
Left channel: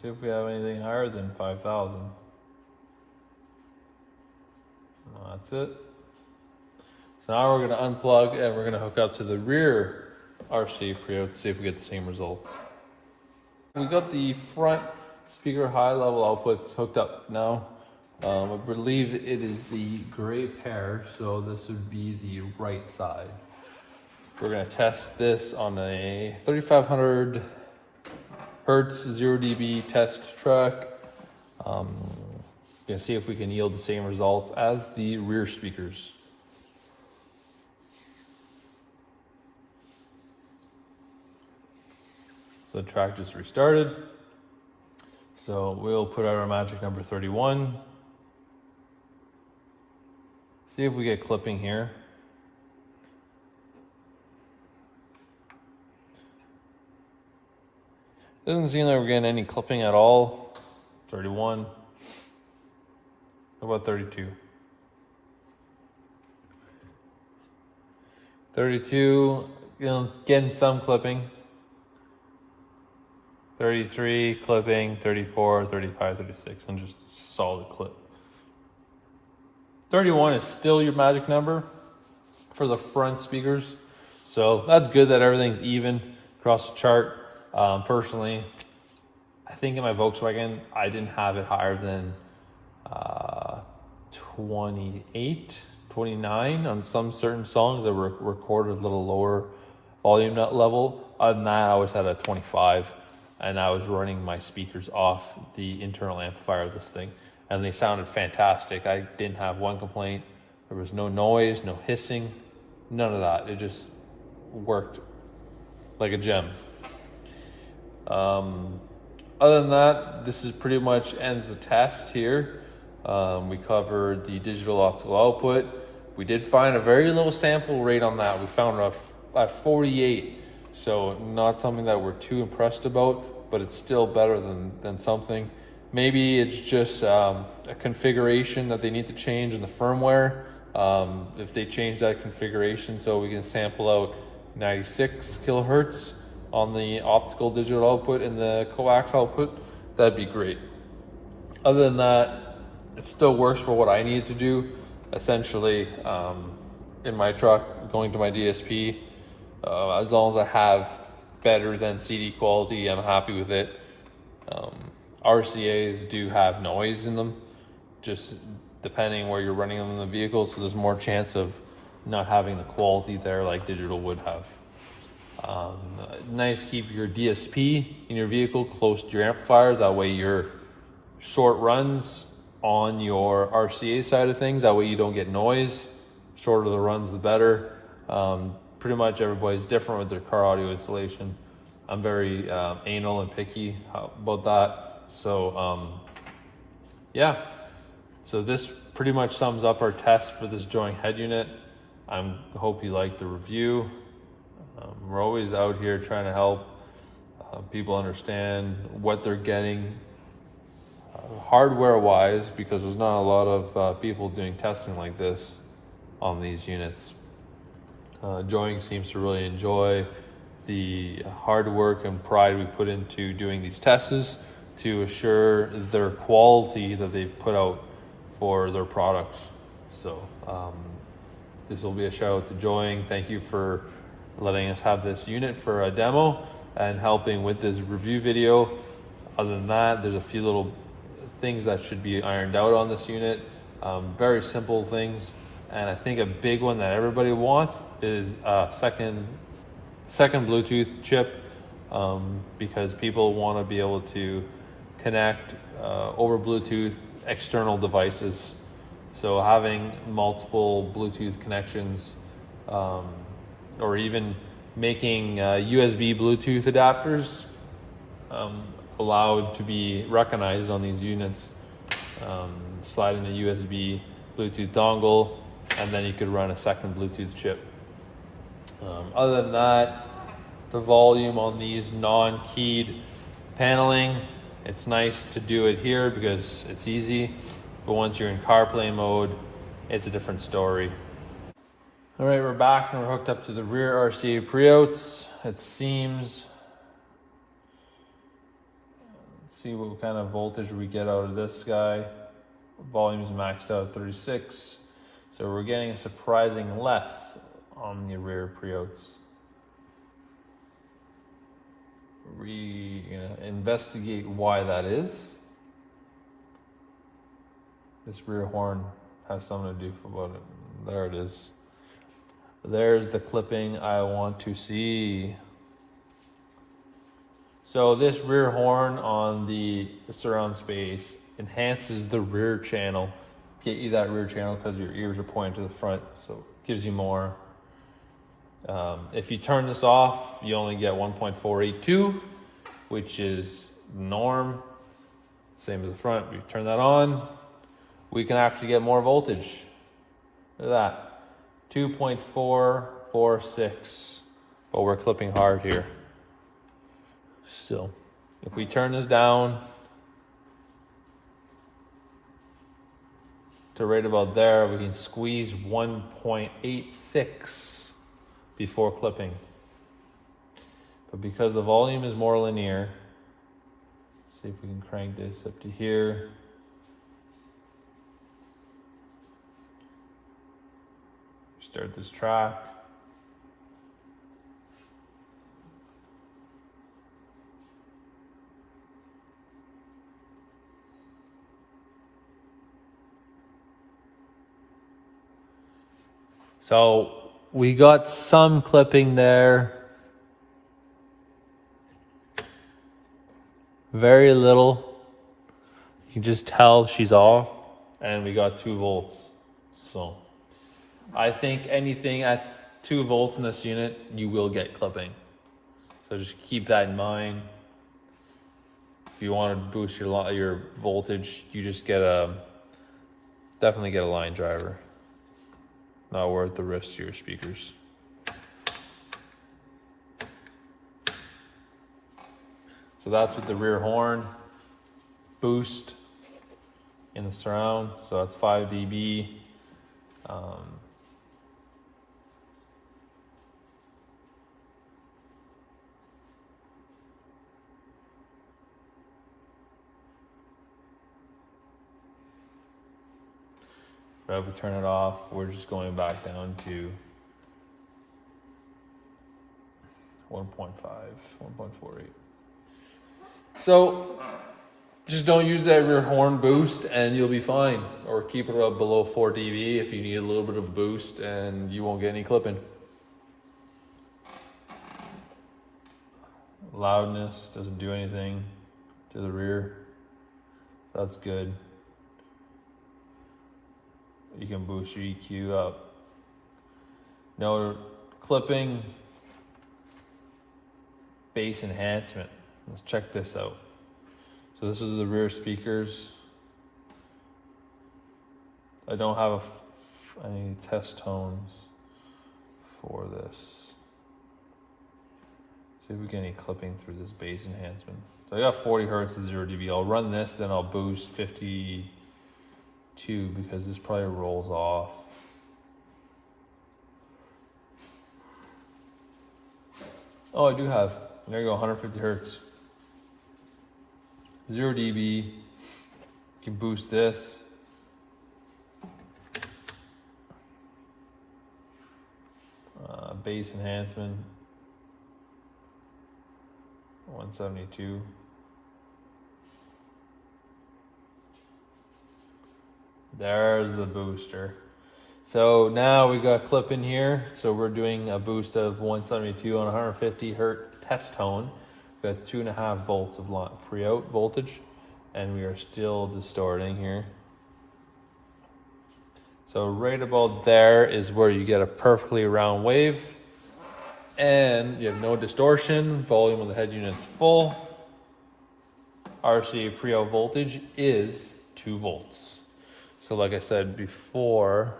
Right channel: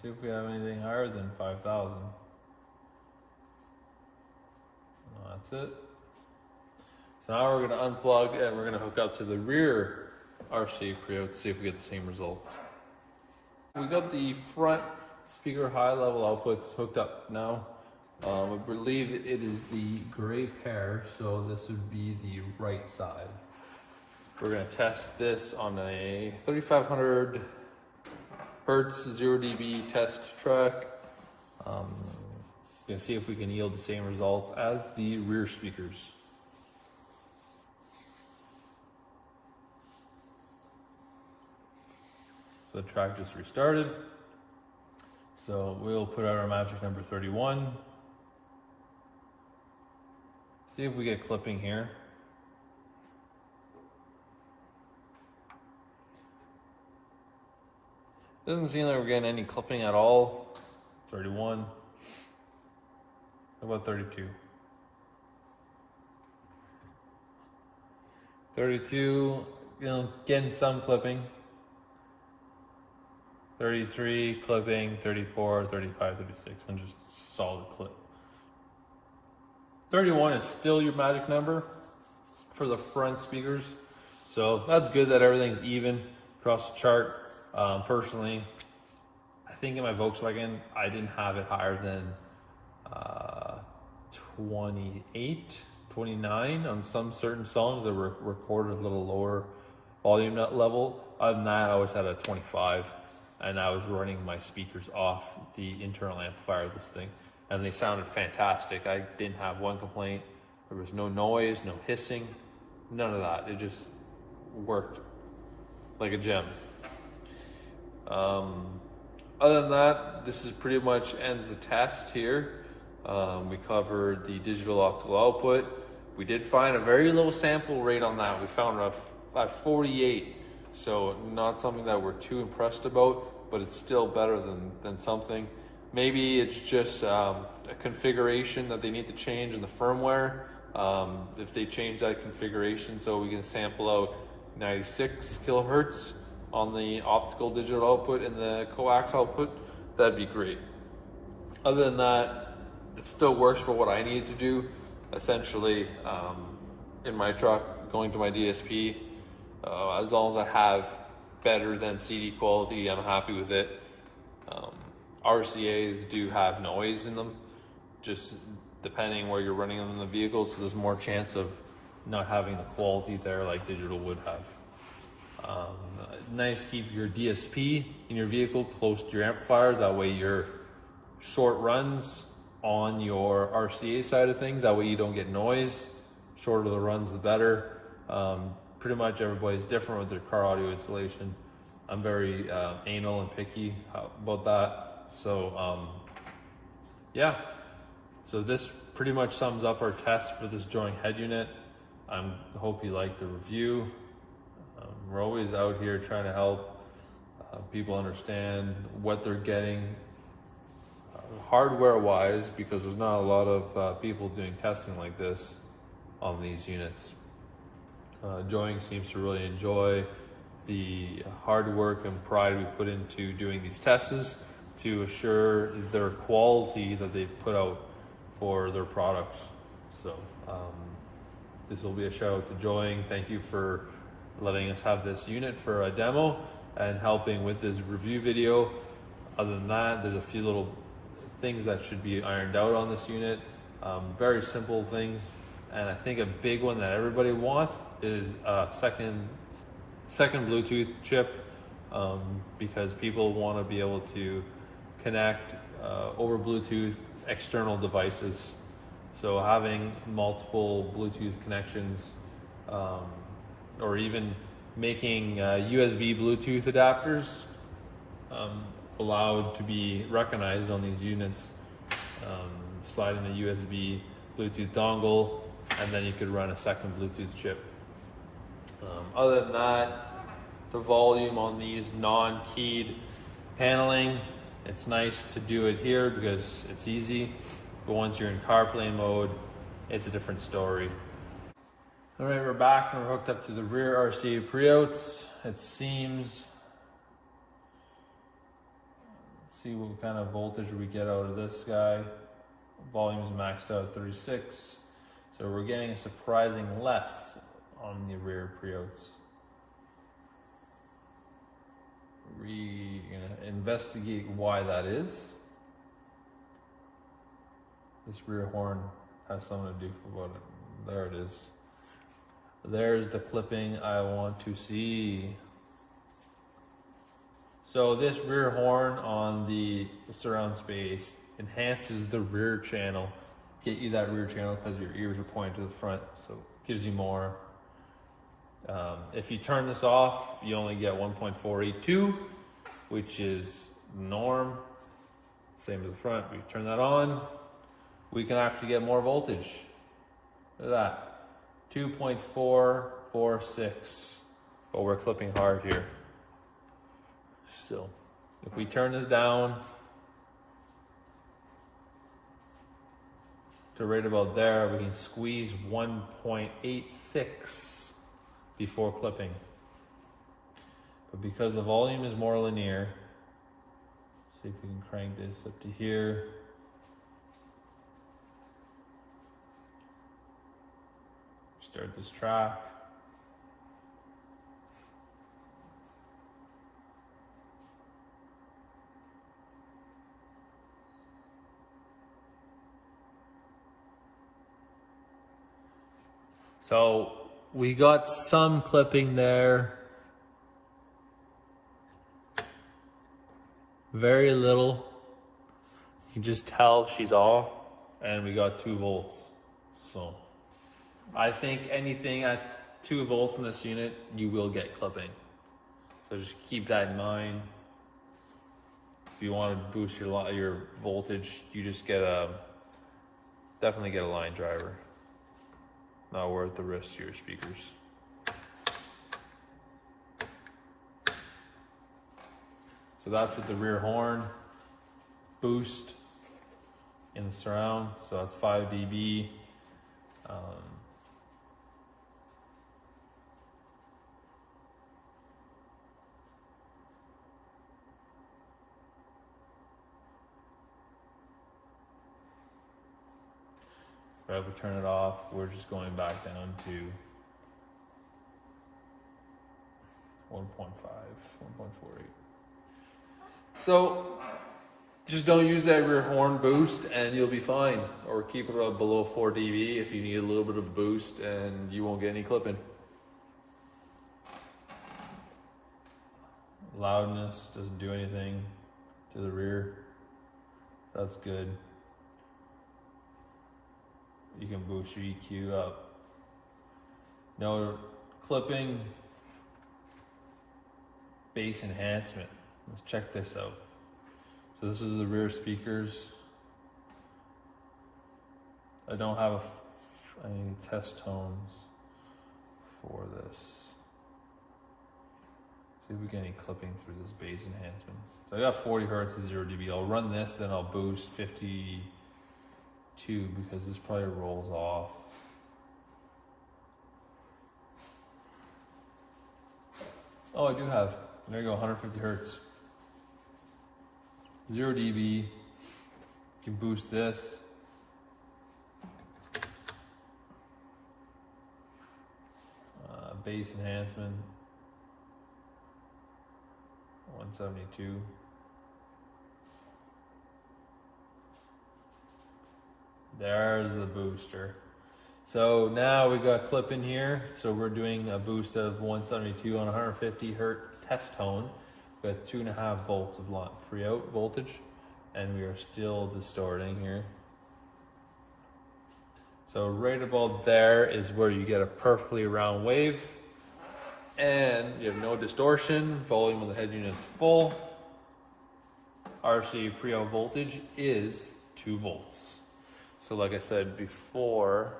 See if we have anything higher than 5000. No, that's it. So now we're going to unplug and we're going to hook up to the rear RC pre-out to see if we get the same results. We got the front speaker high level outputs hooked up now. I believe it is the gray pair, so this would be the right side. We're going to test this on a 3500 Hertz 0 dB test track. We're going to see if we can yield the same results as the rear speakers. So the track just restarted. So we'll put out our magic number 31. See if we get clipping here. Doesn't seem like we're getting any clipping at all. 31. What about 32? 32, getting some clipping. 33, clipping, 34, 35, 36, and just solid clip. 31 is still your magic number. for the front speakers. So that's good that everything's even across the chart. Personally, I think in my Volkswagen, I didn't have it higher than 28, 29 on some certain songs that were recorded a little lower volume level. Other than that, I was at a 25, and I was running my speakers off the internal amplifier of this thing, and they sounded fantastic. I didn't have one complaint. There was no noise, no hissing, none of that. It just worked like a gem. Other than that, this is pretty much ends the test here. We covered the digital optical output. We did find a very low sample rate on that. We found it at 48, so not something that we're too impressed about, but it's still better than something. Maybe it's just a configuration that they need to change in the firmware. If they change that configuration so we can sample out 96 kilohertz on the optical digital output and the coax output, that'd be great. Other than that, it still works for what I need to do. Essentially, in my truck, going to my DSP, as long as I have better than CD quality, I'm happy with it. RCAs do have noise in them, just depending where you're running them in the vehicle, so there's more chance of not having the quality there like digital would have. Nice to keep your DSP in your vehicle close to your amplifiers. That way your short runs on your RCA side of things, that way you don't get noise. Shorter the runs, the better. Pretty much everybody's different with their car audio installation. I'm very anal and picky about that. So yeah, so this pretty much sums up our test for this Joying head unit. I hope you liked the review. We're always out here trying to help people understand what they're getting hardware wise, because there's not a lot of people doing testing like this on these units. Joying seems to really enjoy the hard work and pride we put into doing these tests to assure their quality that they put out for their products. So this will be a shout out to Joying. Thank you for letting us have this unit for a demo and helping with this review video. Other than that, there's a few little things that should be ironed out on this unit. Very simple things. And I think a big one that everybody wants is a second Bluetooth chip, because people want to be able to connect over Bluetooth external devices. So having multiple Bluetooth connections, or even making USB Bluetooth adapters allowed to be recognized on these units. Slide in a USB Bluetooth dongle, and then you could run a second Bluetooth chip. Other than that, the volume on these non-keyed paneling, it's nice to do it here because it's easy, but once you're in CarPlay mode, it's a different story. All right, we're back and we're hooked up to the rear RCA pre-outs. It seems, let's see what kind of voltage we get out of this guy. Volume is maxed out at 36. So we're getting a surprising less on the rear pre-outs. We're gonna investigate why that is. This rear horn has something to do about it. There it is. There's the clipping I want to see. So this rear horn on the surround space enhances the rear channel. Get you that rear channel because your ears are pointing to the front, so it gives you more. If you turn this off, you only get 1.482, which is norm. Same as the front. We turn that on, we can actually get more voltage. Look at that. 2.446, but we're clipping hard here. So if we turn this down to right about there, we can squeeze 1.86 before clipping. But because the volume is more linear, see if we can crank this up to here. Start this track. So we got some clipping there. Very little. You can just tell she's off, and we got 2 volts. So I think anything at 2 volts in this unit, you will get clipping. So just keep that in mind. If you want to boost your voltage, you just definitely get a line driver. Not worth the risk to your speakers. So that's with the rear horn boost in the surround. So that's 5 dB. But if we turn it off, we're just going back down to 1.5, 1.48. So just don't use that rear horn boost and you'll be fine. Or keep it up below 4 dB if you need a little bit of a boost, and you won't get any clipping. Loudness doesn't do anything to the rear. That's good. You can boost your EQ up. No clipping. Bass enhancement. Let's check this out. So this is the rear speakers. I don't have any test tones for this. See if we get any clipping through this bass enhancement. So I got 40 Hertz and 0 dB. I'll run this, then I'll boost 52 because this probably rolls off. Oh, I do have. There you go, 150 Hertz. 0 dB. You can boost this. Bass enhancement. 172. There's the booster. So now we got clip in here. So we're doing a boost of 172 on 150 Hertz test tone. We got 2.5 volts of pre-out voltage, and we are still distorting here. So right about there is where you get a perfectly round wave, and you have no distortion. Volume of the head unit's full. RCA pre-out voltage is 2 volts. So like I said before,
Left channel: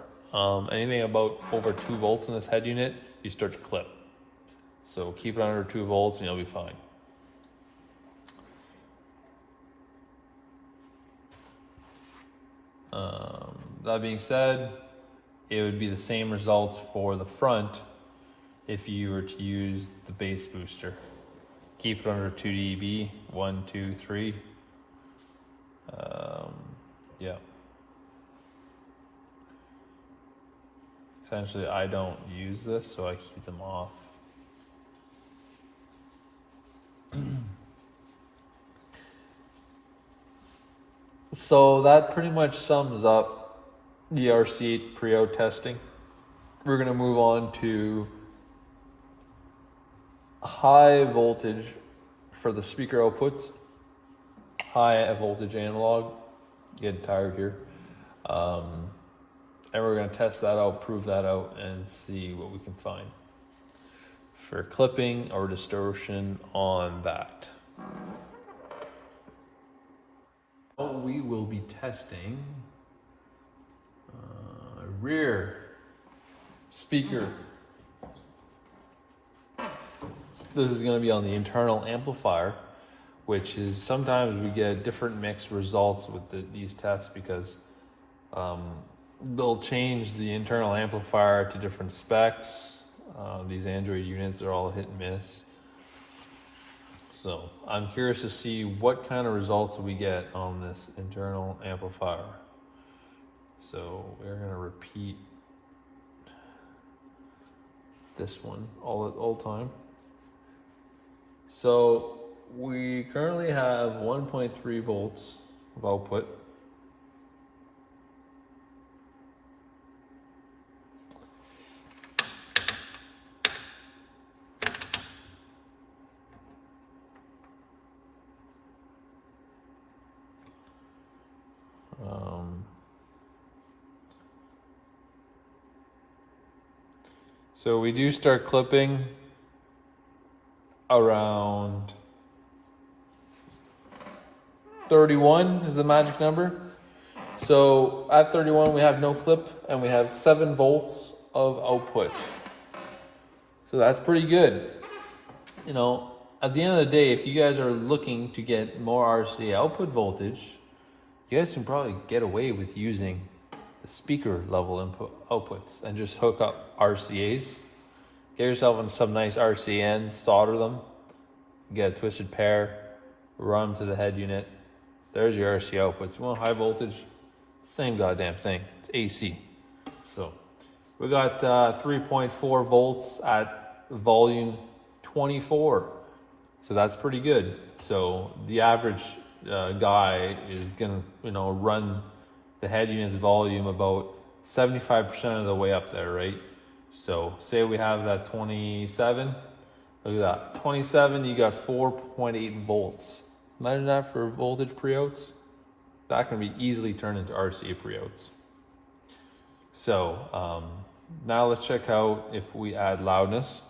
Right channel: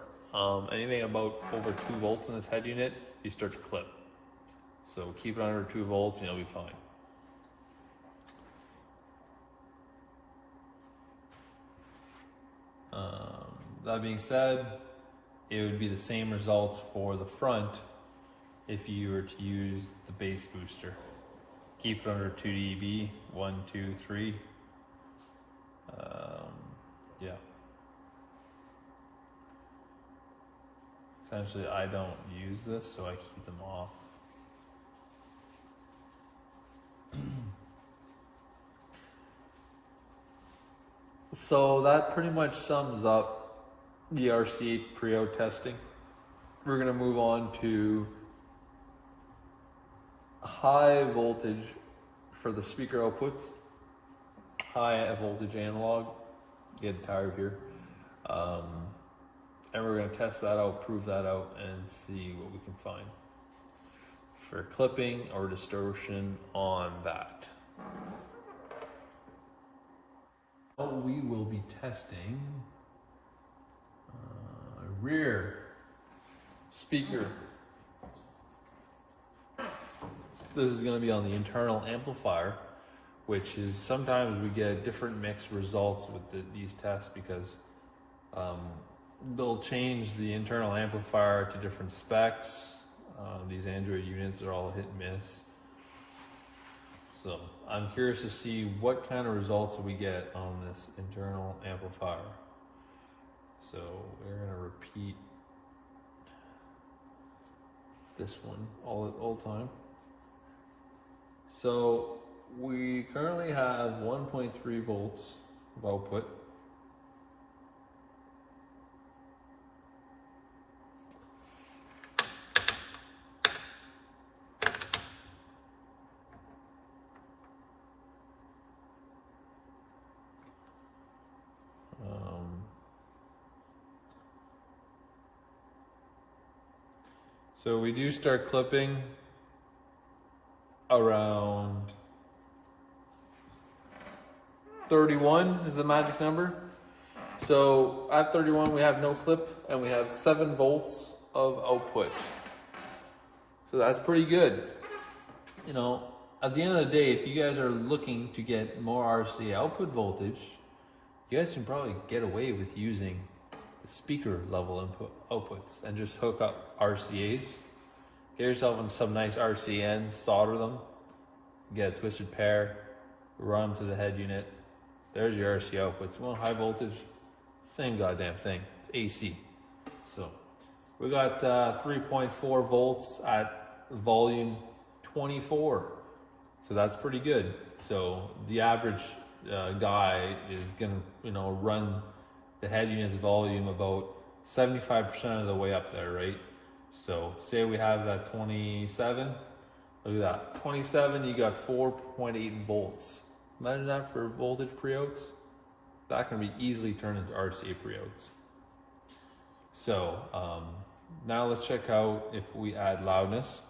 anything about over 2 volts in this head unit, you start to clip. So keep it under 2 volts and you'll be fine. That being said, it would be the same results for the front if you were to use the bass booster. Keep it under 2 dB, 1, 2, 3. Yeah. Essentially, I don't use this, so I keep them off. So that pretty much sums up the RC8 pre-out testing. We're going to move on to high voltage for the speaker outputs. High voltage analog. Getting tired here. And we're going to test that out, prove that out, and see what we can find for clipping or distortion on that. We will be testing rear speaker. This is going to be on the internal amplifier, which is sometimes we get different mixed results with these tests because they'll change the internal amplifier to different specs. These Android units are all hit and miss. So I'm curious to see what kind of results we get on this internal amplifier. So we're going to repeat this one all the time. So we currently have 1.3 volts of output. So we do start clipping around 31 is the magic number. So at 31 we have no flip and we have 7 volts of output. So that's pretty good. You know, at the end of the day, if you guys are looking to get more RCA output voltage, you guys can probably get away with using the speaker level outputs and just hook up RCAs. Get yourself some nice RCNs, solder them, get a twisted pair, run them to the head unit. There's your RCA outputs. You want high voltage? Same goddamn thing. It's AC. So we got 3.4 volts at volume 24. So that's pretty good. So the average guy is gonna, run the head unit's volume about 75% of the way up there, right? So say we have that 27, look at that, 27, you got 4.8 volts. Imagine that for voltage pre-outs. That can be easily turned into RCA pre-outs. So now let's check out if we add loudness.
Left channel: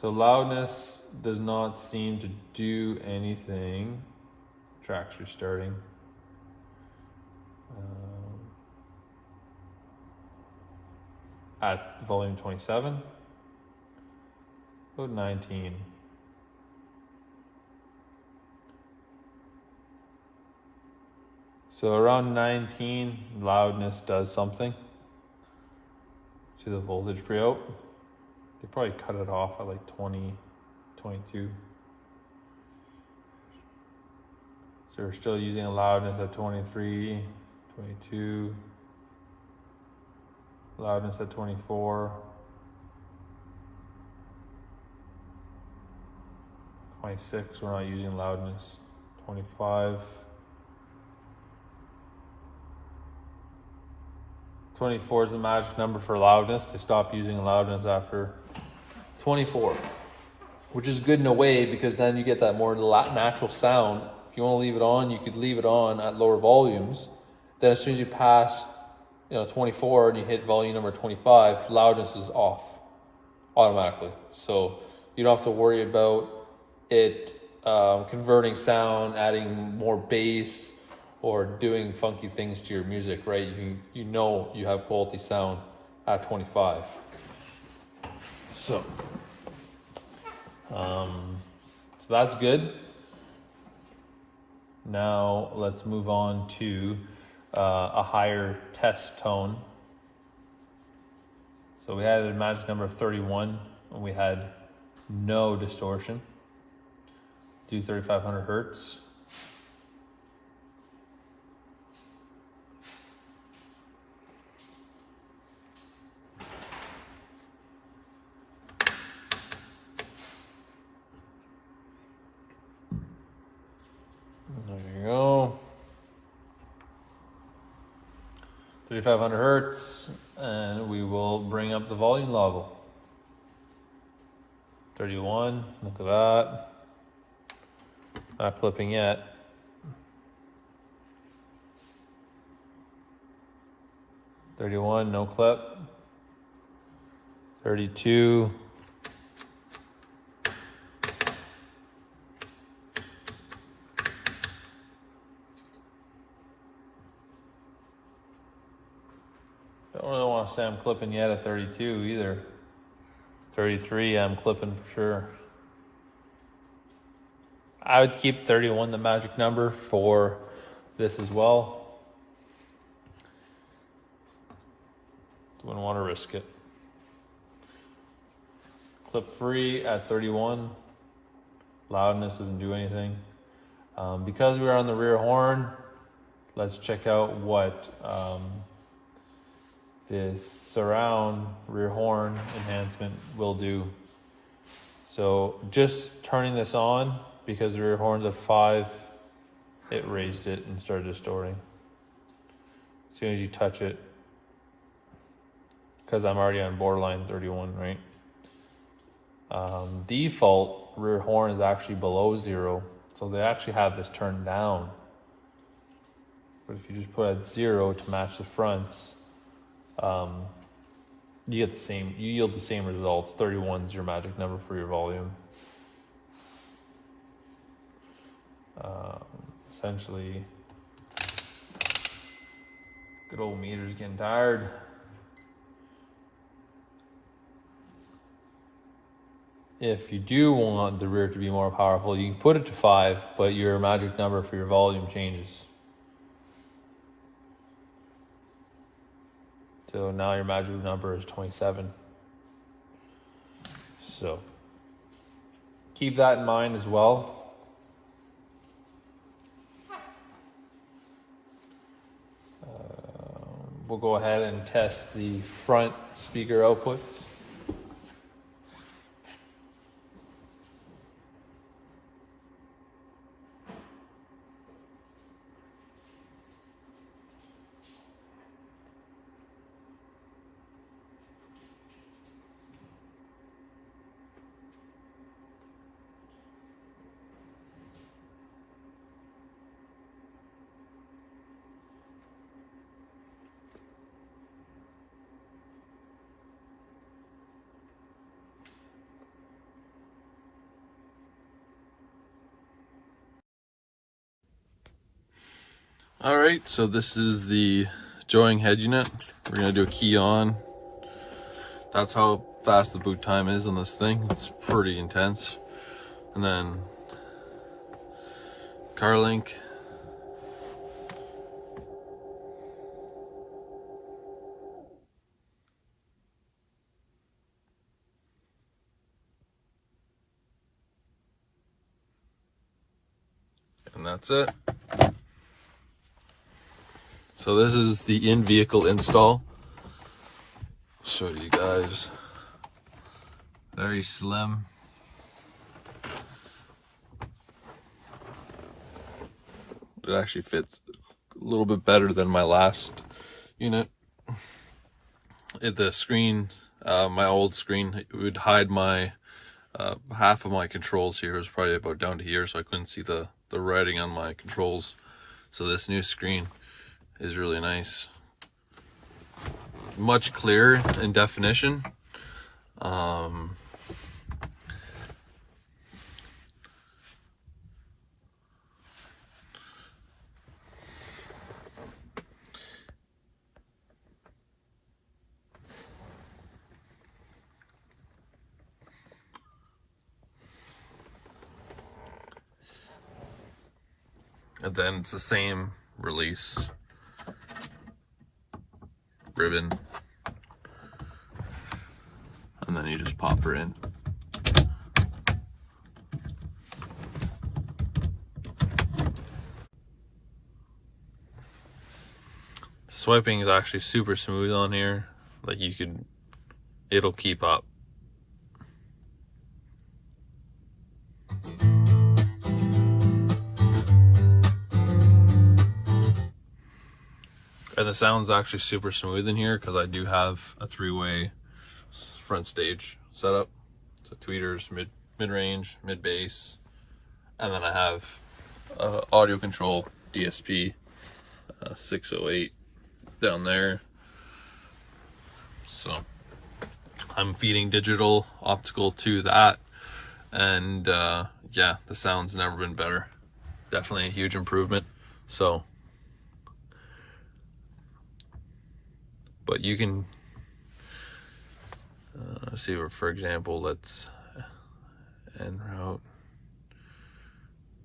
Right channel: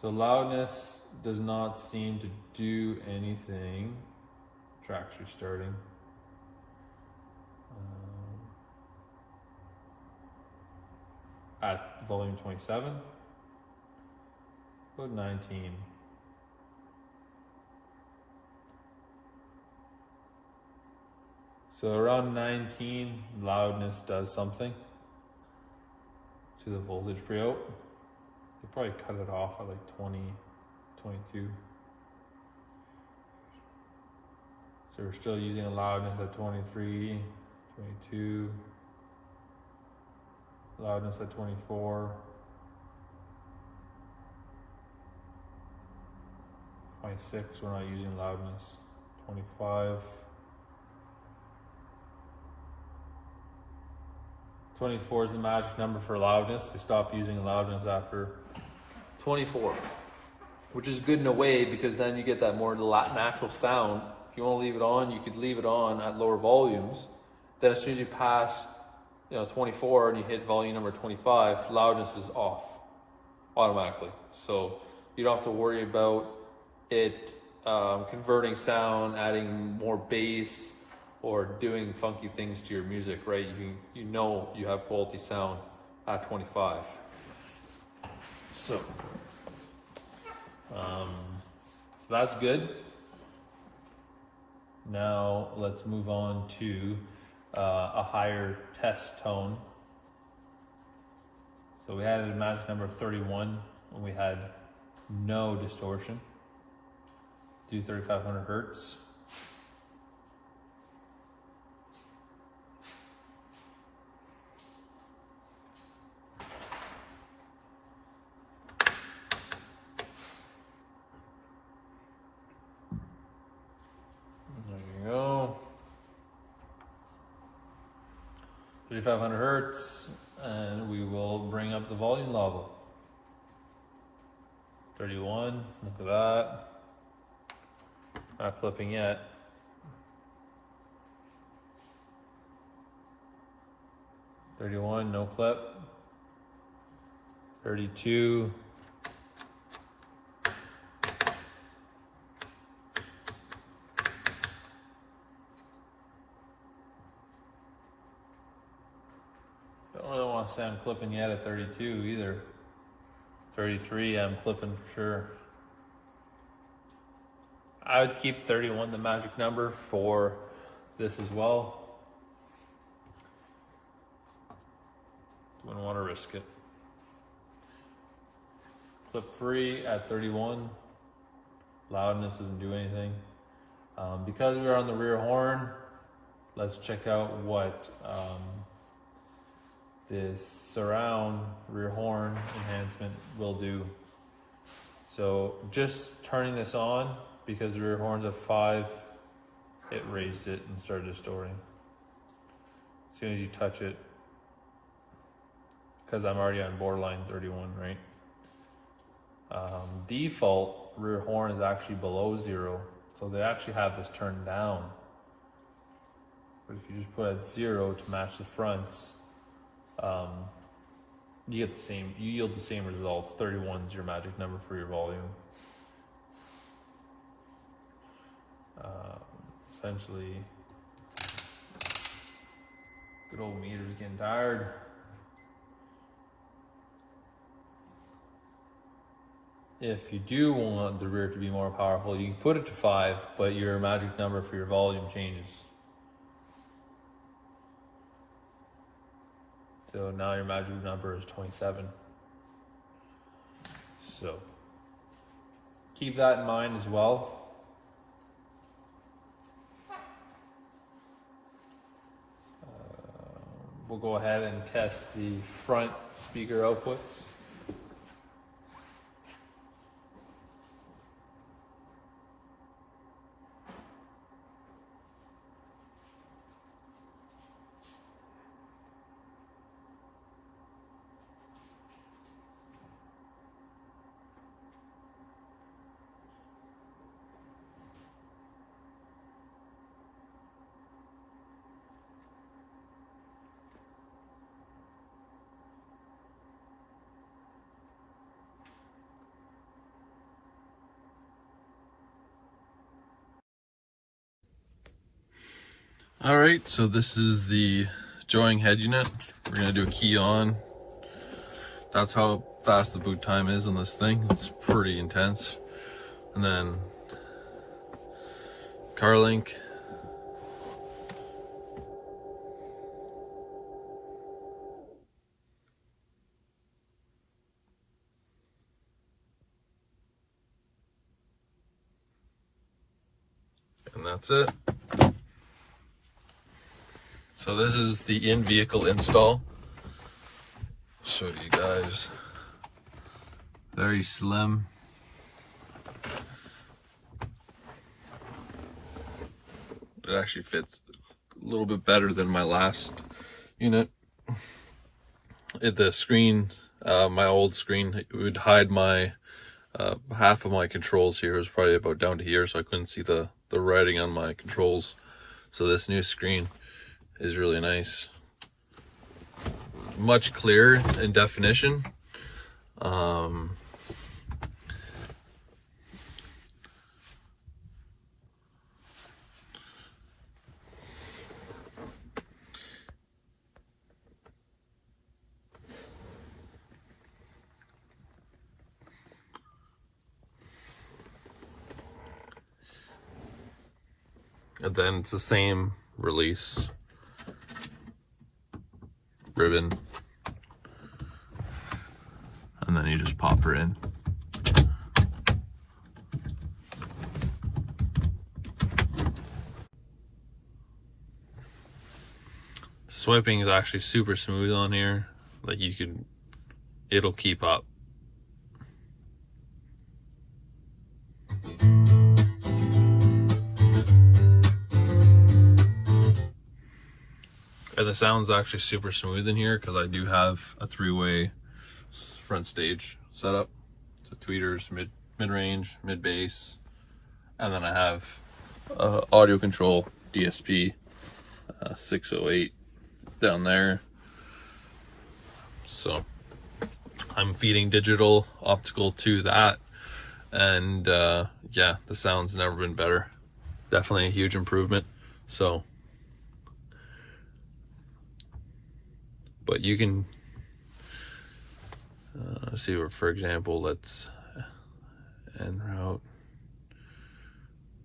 So loudness does not seem to do anything. Track's restarting. At volume 27, about 19. So around 19, loudness does something to the voltage pre-out. They probably cut it off at like 20, 22. So we're still using a loudness at 23, 22. Loudness at 24. 26, we're not using loudness. 25. 24 is the magic number for loudness. They stop using loudness after 24, which is good in a way because then you get that more natural sound. If you want to leave it on, you could leave it on at lower volumes. Then as soon as you pass 24 and you hit volume number 25, loudness is off automatically. So you don't have to worry about it converting sound, adding more bass, or doing funky things to your music, right? You know you have quality sound at 25. So that's good. Now let's move on to a higher test tone. So we had a magic number of 31 and we had no distortion. Do 3500 Hertz. There you go. 3500 Hertz, and we will bring up the volume level. 31, look at that. Not clipping yet. 31, no clip. 32. Don't really want to say I'm clipping yet at 32 either. 33, I'm clipping for sure. I would keep 31 the magic number for this as well. Wouldn't want to risk it. Clip free at 31. Loudness doesn't do anything. Because we're on the rear horn, let's check out what this surround rear horn enhancement will do. So just turning this on, because the rear horn's at 5, it raised it and started distorting. As soon as you touch it, because I'm already on borderline 31, right? Default rear horn is actually below 0, so they actually have this turned down. But if you just put it at 0 to match the fronts, you get the same. You yield the same results. 31 is your magic number for your volume. Essentially, good old meter's getting tired. If you do want the rear to be more powerful, you can put it to 5, but your magic number for your volume changes. So now your magic number is 27. So keep that in mind as well. We'll go ahead and test the front speaker outputs. All right, so this is the Joying head unit. We're gonna do a key on. That's how fast the boot time is on this thing. It's pretty intense. And then car link. And that's it. So this is the in-vehicle install. I'll show you guys. Very slim. It actually fits a little bit better than my last unit. The screen, my old screen, it would hide my half of my controls here. It was probably about down to here, so I couldn't see the writing on my controls. So this new screen is really nice, much clearer in definition. And then it's the same release ribbon, and then you just pop her in. Swiping is actually super smooth on here. Like it'll keep up. And the sound's actually super smooth in here because I do have a 3-way front stage setup. So tweeters, mid-range, mid-bass, and then I have audio control DSP 608 down there. So I'm feeding digital optical to that, and yeah, the sound's never been better. Definitely a huge improvement. So but you can see, for example, let's en route.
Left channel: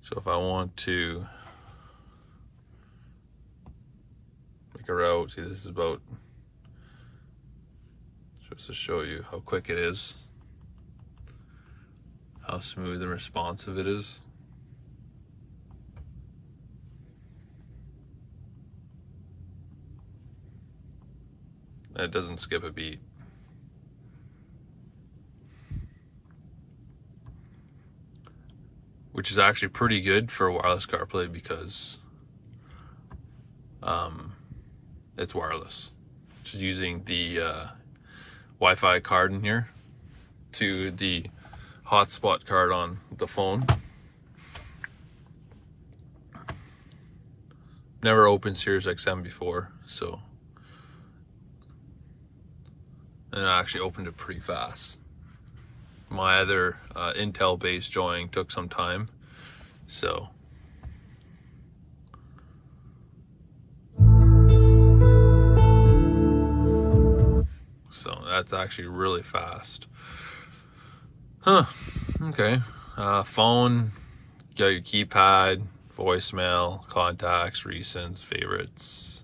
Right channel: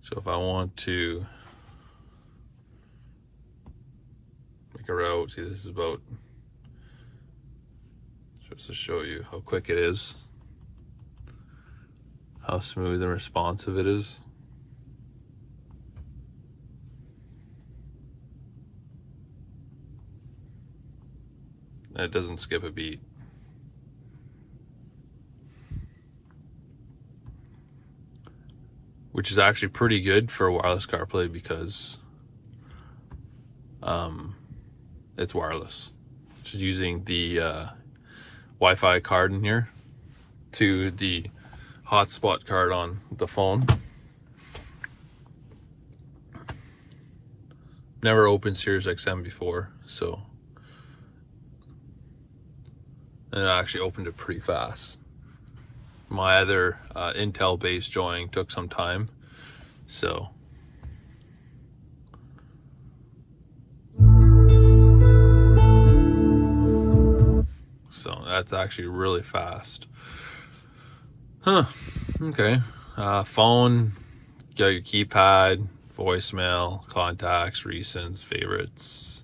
So if I want to make a route, see, this is about, just to show you how quick it is, how smooth and responsive it is. It doesn't skip a beat. Which is actually pretty good for wireless CarPlay because it's wireless. Just using the Wi-Fi card in here to the hotspot card on the phone. Never opened Sirius XM before, so, and it actually opened it pretty fast. My other Intel based joying took some time, so that's actually really fast. Okay. Phone, got your keypad, voicemail, contacts, recents, favorites.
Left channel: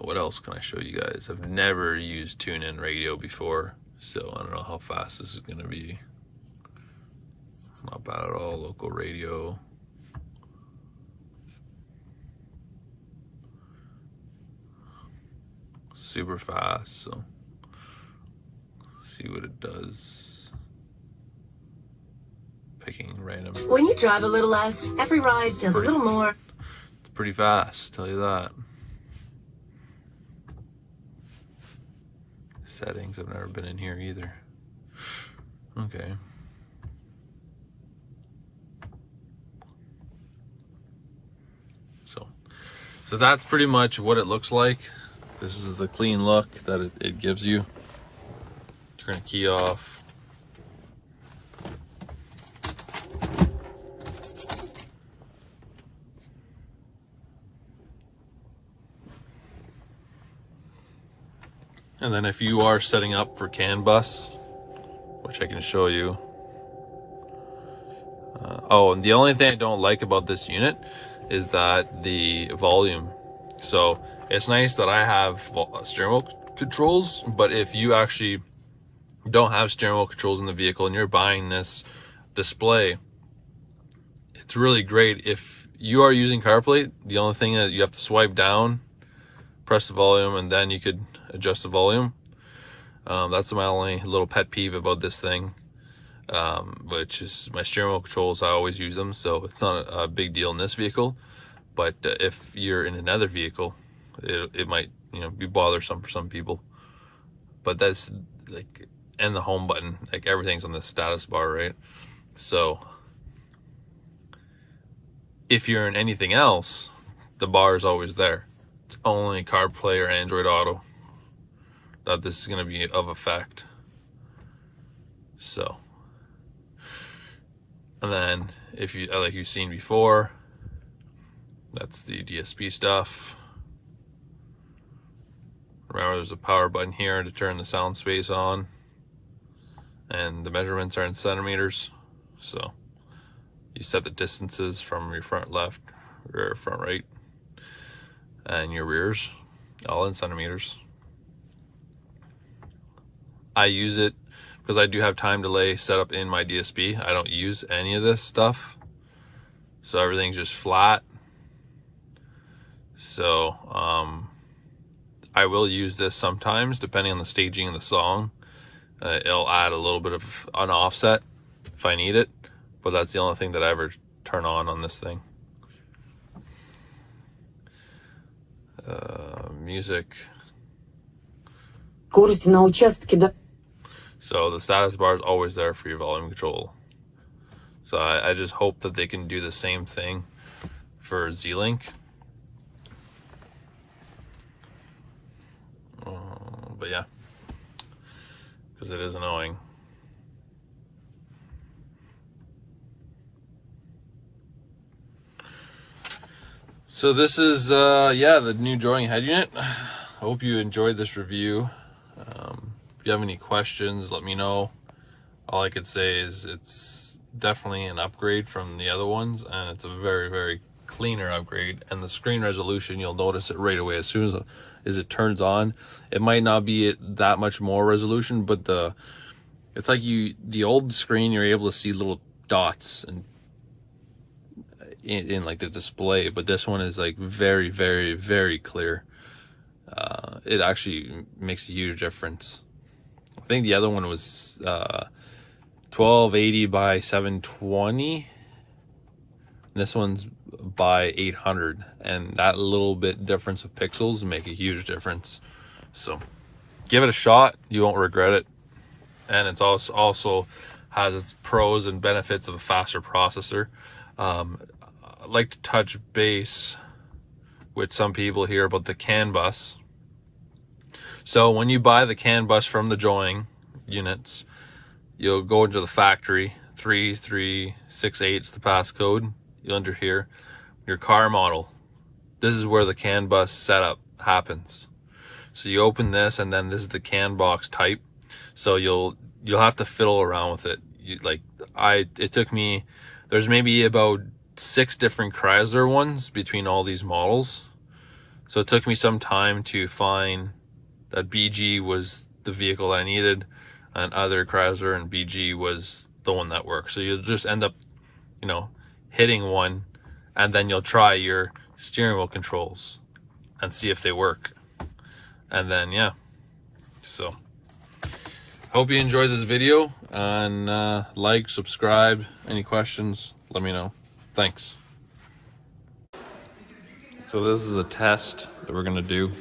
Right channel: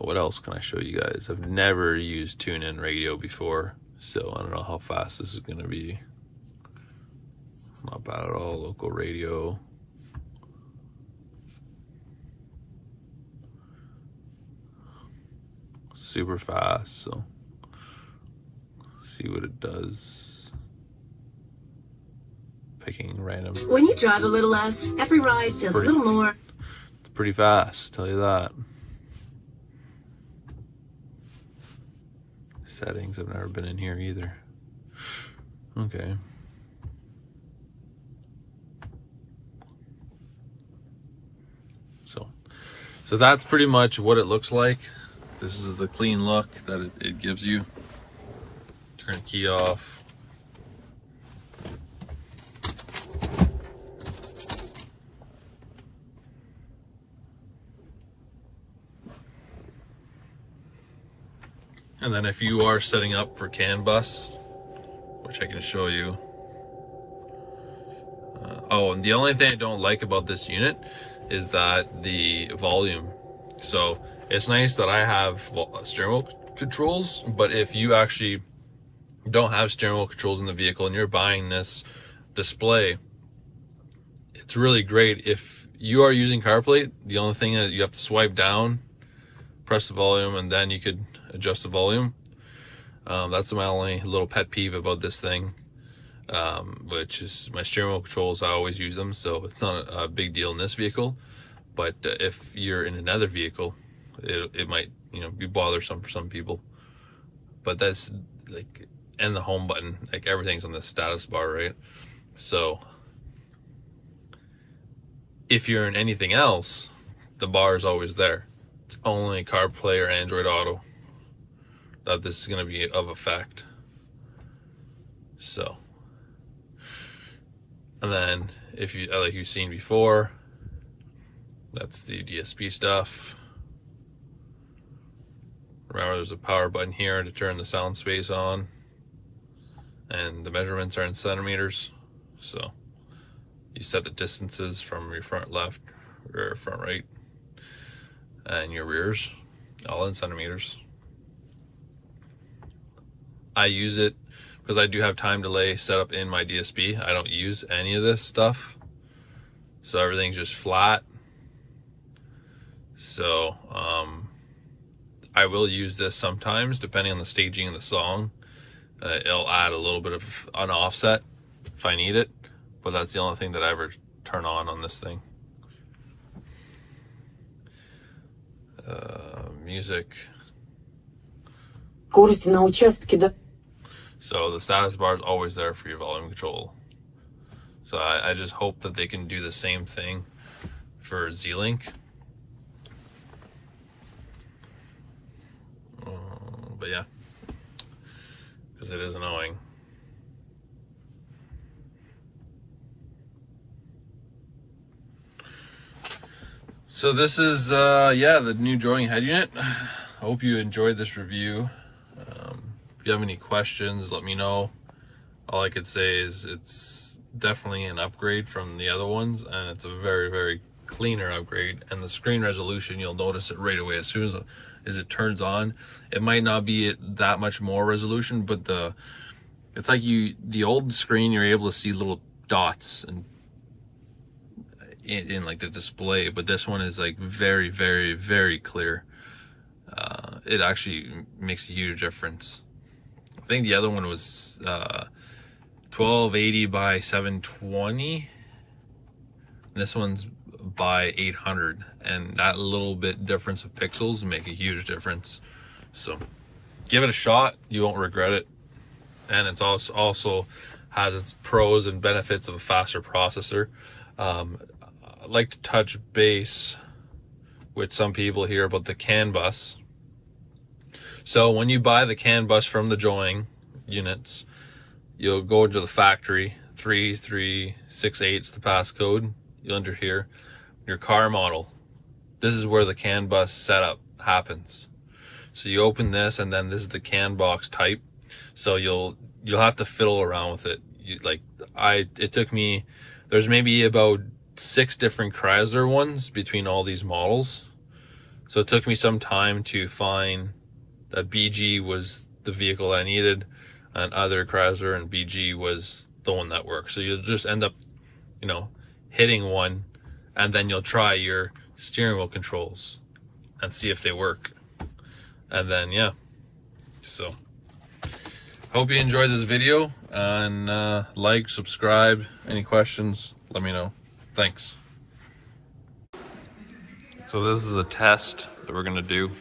What else can I show you guys? I've never used TuneIn Radio before, so I don't know how fast this is going to be. Not bad at all. Local radio. Super fast, so see what it does. Picking random. When you drive a little less, every ride feels a little more. It's pretty fast, tell you that. Settings, I've never been in here either. Okay. So that's pretty much what it looks like. This is the clean look that it gives you. Turn the key off. And then if you are setting up for CAN bus, which I can show you. Oh, and the only thing I don't like about this unit is that the volume. So it's nice that I have steering wheel controls, but if you actually don't have steering wheel controls in the vehicle and you're buying this display, it's really great. If you are using CarPlay, the only thing that you have to swipe down, press the volume, and then you could adjust the volume. That's my only little pet peeve about this thing, which is my steering wheel controls. I always use them, so it's not a big deal in this vehicle. But if you're in another vehicle, it might, you know, be bothersome for some people. But that's like, and the home button, like everything's on the status bar, right? So if you're in anything else, the bar is always there. It's only CarPlay or Android Auto that this is going to be of effect. So, and then if you, like you've seen before, that's the DSP stuff. Remember, there's a power button here to turn the sound space on, and the measurements are in centimeters. So you set the distances from your front left or front right and your rears, all in centimeters. I use it because I do have time delay set up in my DSP. I don't use any of this stuff, so everything's just flat. So I will use this sometimes depending on the staging of the song. It'll add a little bit of an offset if I need it, but that's the only thing that I ever turn on this thing. Music. So the status bar is always there for your volume control. So I just hope that they can do the same thing for Z-Link. But yeah, because it is annoying. So this is yeah, the new Joying head unit. Hope you enjoyed this review. If you have any questions, let me know. All I could say is it's definitely an upgrade from the other ones, and it's a very, very cleaner upgrade. And the screen resolution, you'll notice it right away as soon as it turns on. It might not be that much more resolution, but it's like the old screen, you're able to see little dots and in like the display, but this one is like very, very, very clear. it actually makes a huge difference. I think the other one was 1280 by 720. This one's by 800, and that little bit difference of pixels make a huge difference. So give it a shot, you won't regret it. And it's also has its pros and benefits of a faster processor. I like to touch base with some people here about the CAN bus. So when you buy the CAN bus from the Joying units, you'll go into the factory, 3368's the passcode. You'll enter here, your car model. This is where the CAN bus setup happens. So you open this, and then this is the CAN box type. So you'll have to fiddle around with it. It took me, there's maybe about 6 different Chrysler ones between all these models. So it took me some time to find that BG was the vehicle I needed, and other Chrysler and BG was the one that worked. So you'll just end up, hitting one, and then you'll try your steering wheel controls and see if they work. And then, yeah. So hope you enjoyed this video, and like, subscribe. Any questions, let me know. Thanks. So this is a test that we're gonna do.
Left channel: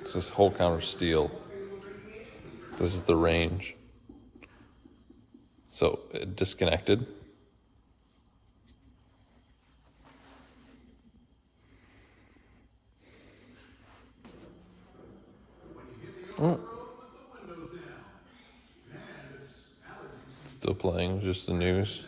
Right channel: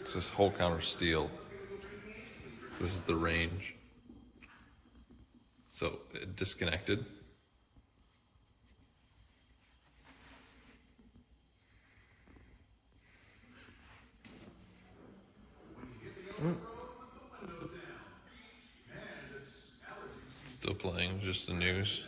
It's this whole counter steel. This is the range. So it disconnected. Oh. Still playing, just the news.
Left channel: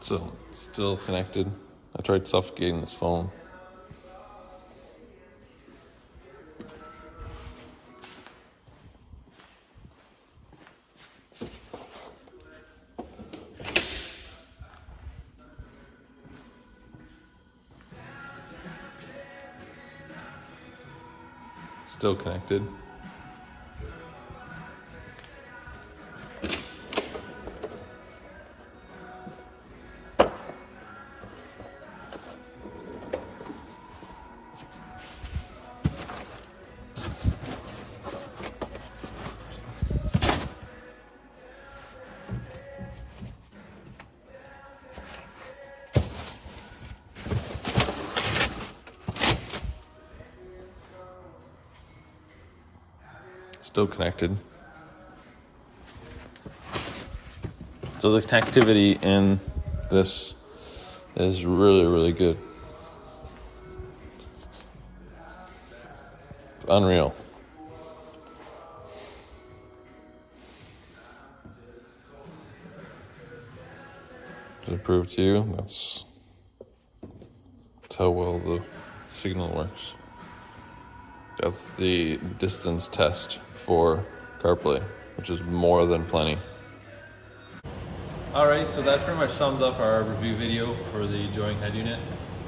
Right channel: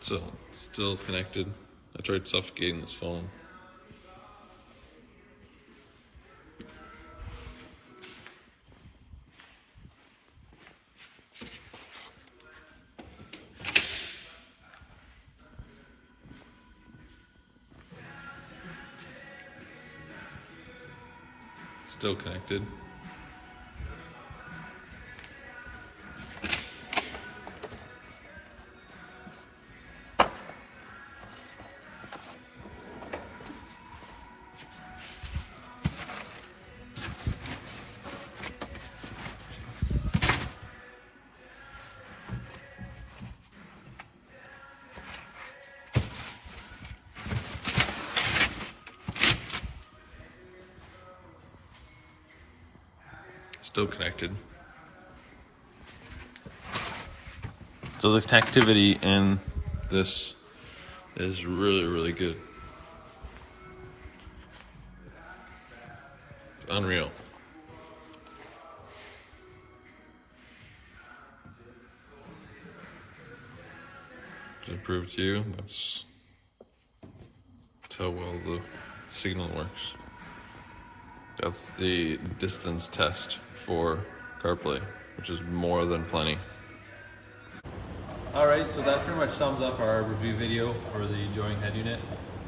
So, still connected. I tried suffocating this phone. Still connected. Still connected. So the connectivity in this is really, really good. It's unreal. Does it prove to you? That's how well the signal works. That's the distance test for CarPlay, which is more than plenty. All right, so that pretty much sums up our review video for the Joying head unit.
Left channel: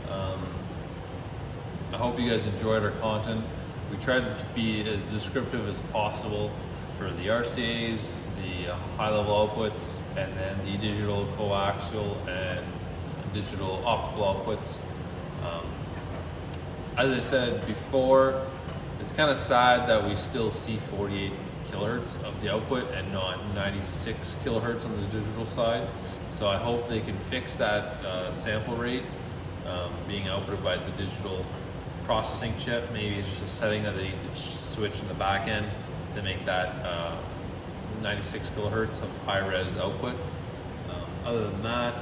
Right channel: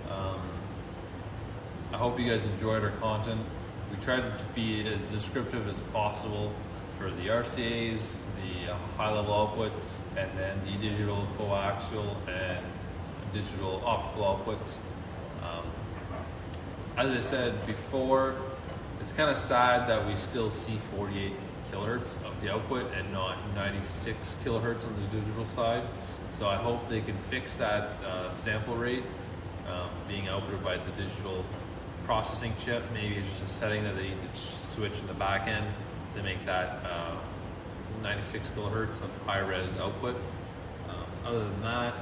I hope you guys enjoyed our content. We tried to be as descriptive as possible for the RCAs, the high-level outputs, and then the digital coaxial and digital optical outputs. As I said before, it's kind of sad that we still see 48 kilohertz of the output and not 96 kilohertz on the digital side. So I hope they can fix that sample rate being outputted by the digital processing chip. Maybe it's just a setting that they need to switch in the back end to make that 96 kilohertz of high-res output. Other than that,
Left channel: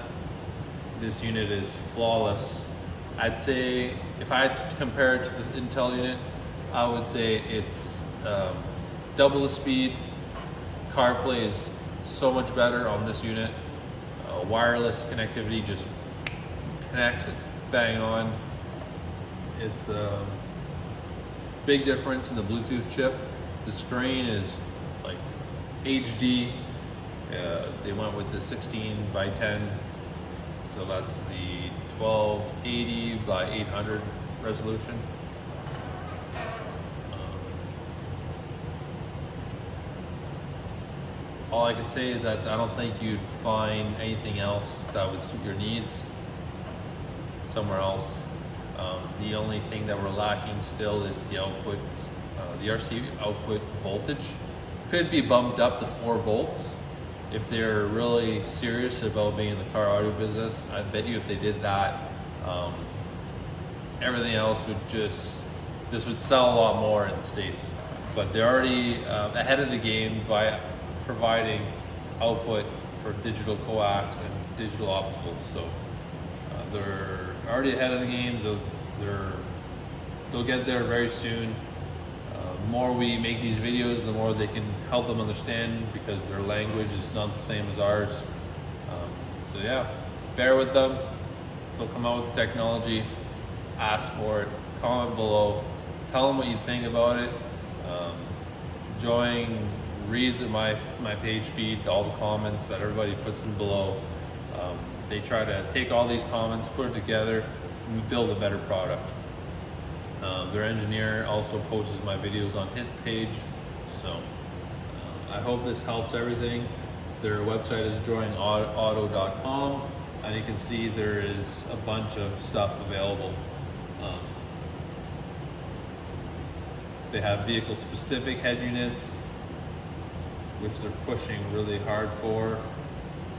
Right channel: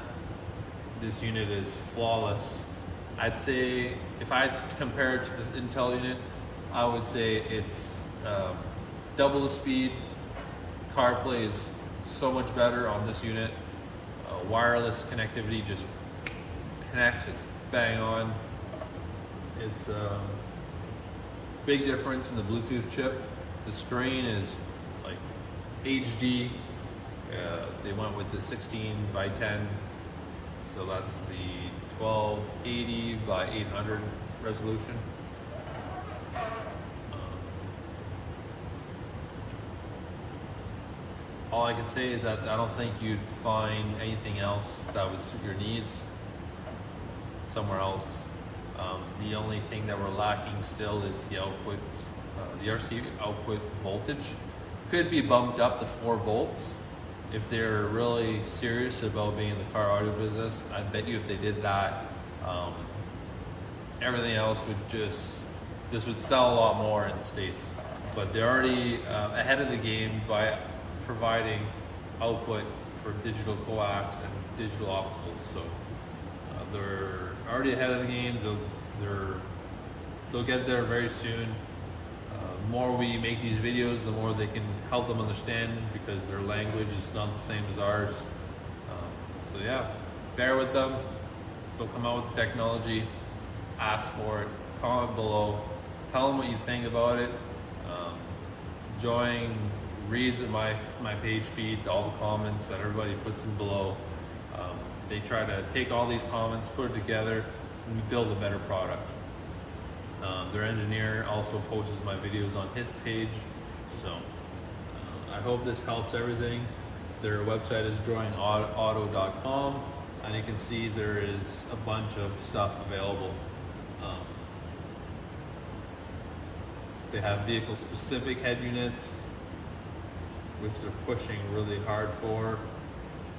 this unit is flawless. I'd say if I had to compare it to the Intel unit, I would say it's double the speed. CarPlay is so much better on this unit. Wireless connectivity just connects, it's bang on. It's big difference in the Bluetooth chip. The screen is like HD. They went with the 16:10, so that's the 1280x800 resolution. All I can say is that I don't think you'd find anything else that would suit your needs somewhere else. The only thing that we're lacking still is the output, the RC output voltage. Could be bumped up to 4 volts. If they're really serious about being in the car audio business, I bet you if they did that, everything else would this would sell a lot more in the States. But they're already ahead of the game by providing output for digital coax and digital opticals. So they're already ahead of the game. They'll get there very soon. The more we make these videos, the more they can help them understand, because their language is not the same as ours. So yeah, bear with them. They'll come out with the technology. Ask for it. Comment below. Tell them what you think about it. Joying reads at my page feed all the comments that everybody puts in below. They try to take all these comments, put it together, and build a better product. Their engineer also posts my videos on his page, so I hope this helps everything. Their website is joyingauto.com, and you can see there is a bunch of stuff available. They have vehicle-specific head units, which they're pushing really hard for.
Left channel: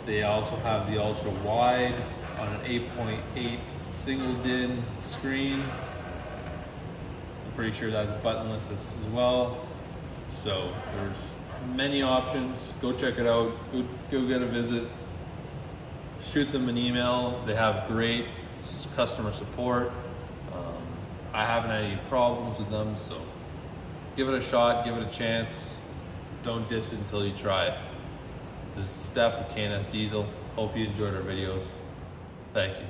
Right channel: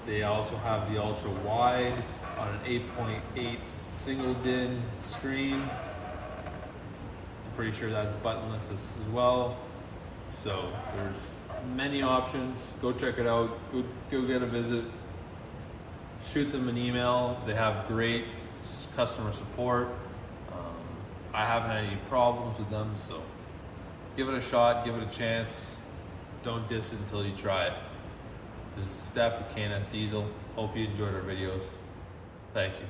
They also have the ultra wide on an 8.8 single DIN screen. I'm pretty sure that's buttonless as well. So there's many options. Go check it out. Go get a visit. Shoot them an email. They have great customer support. I haven't had any problems with them, so give it a shot, give it a chance. Don't diss it until you try it. This is Steph with K&S Diesel. Hope you enjoyed our videos. Thank you.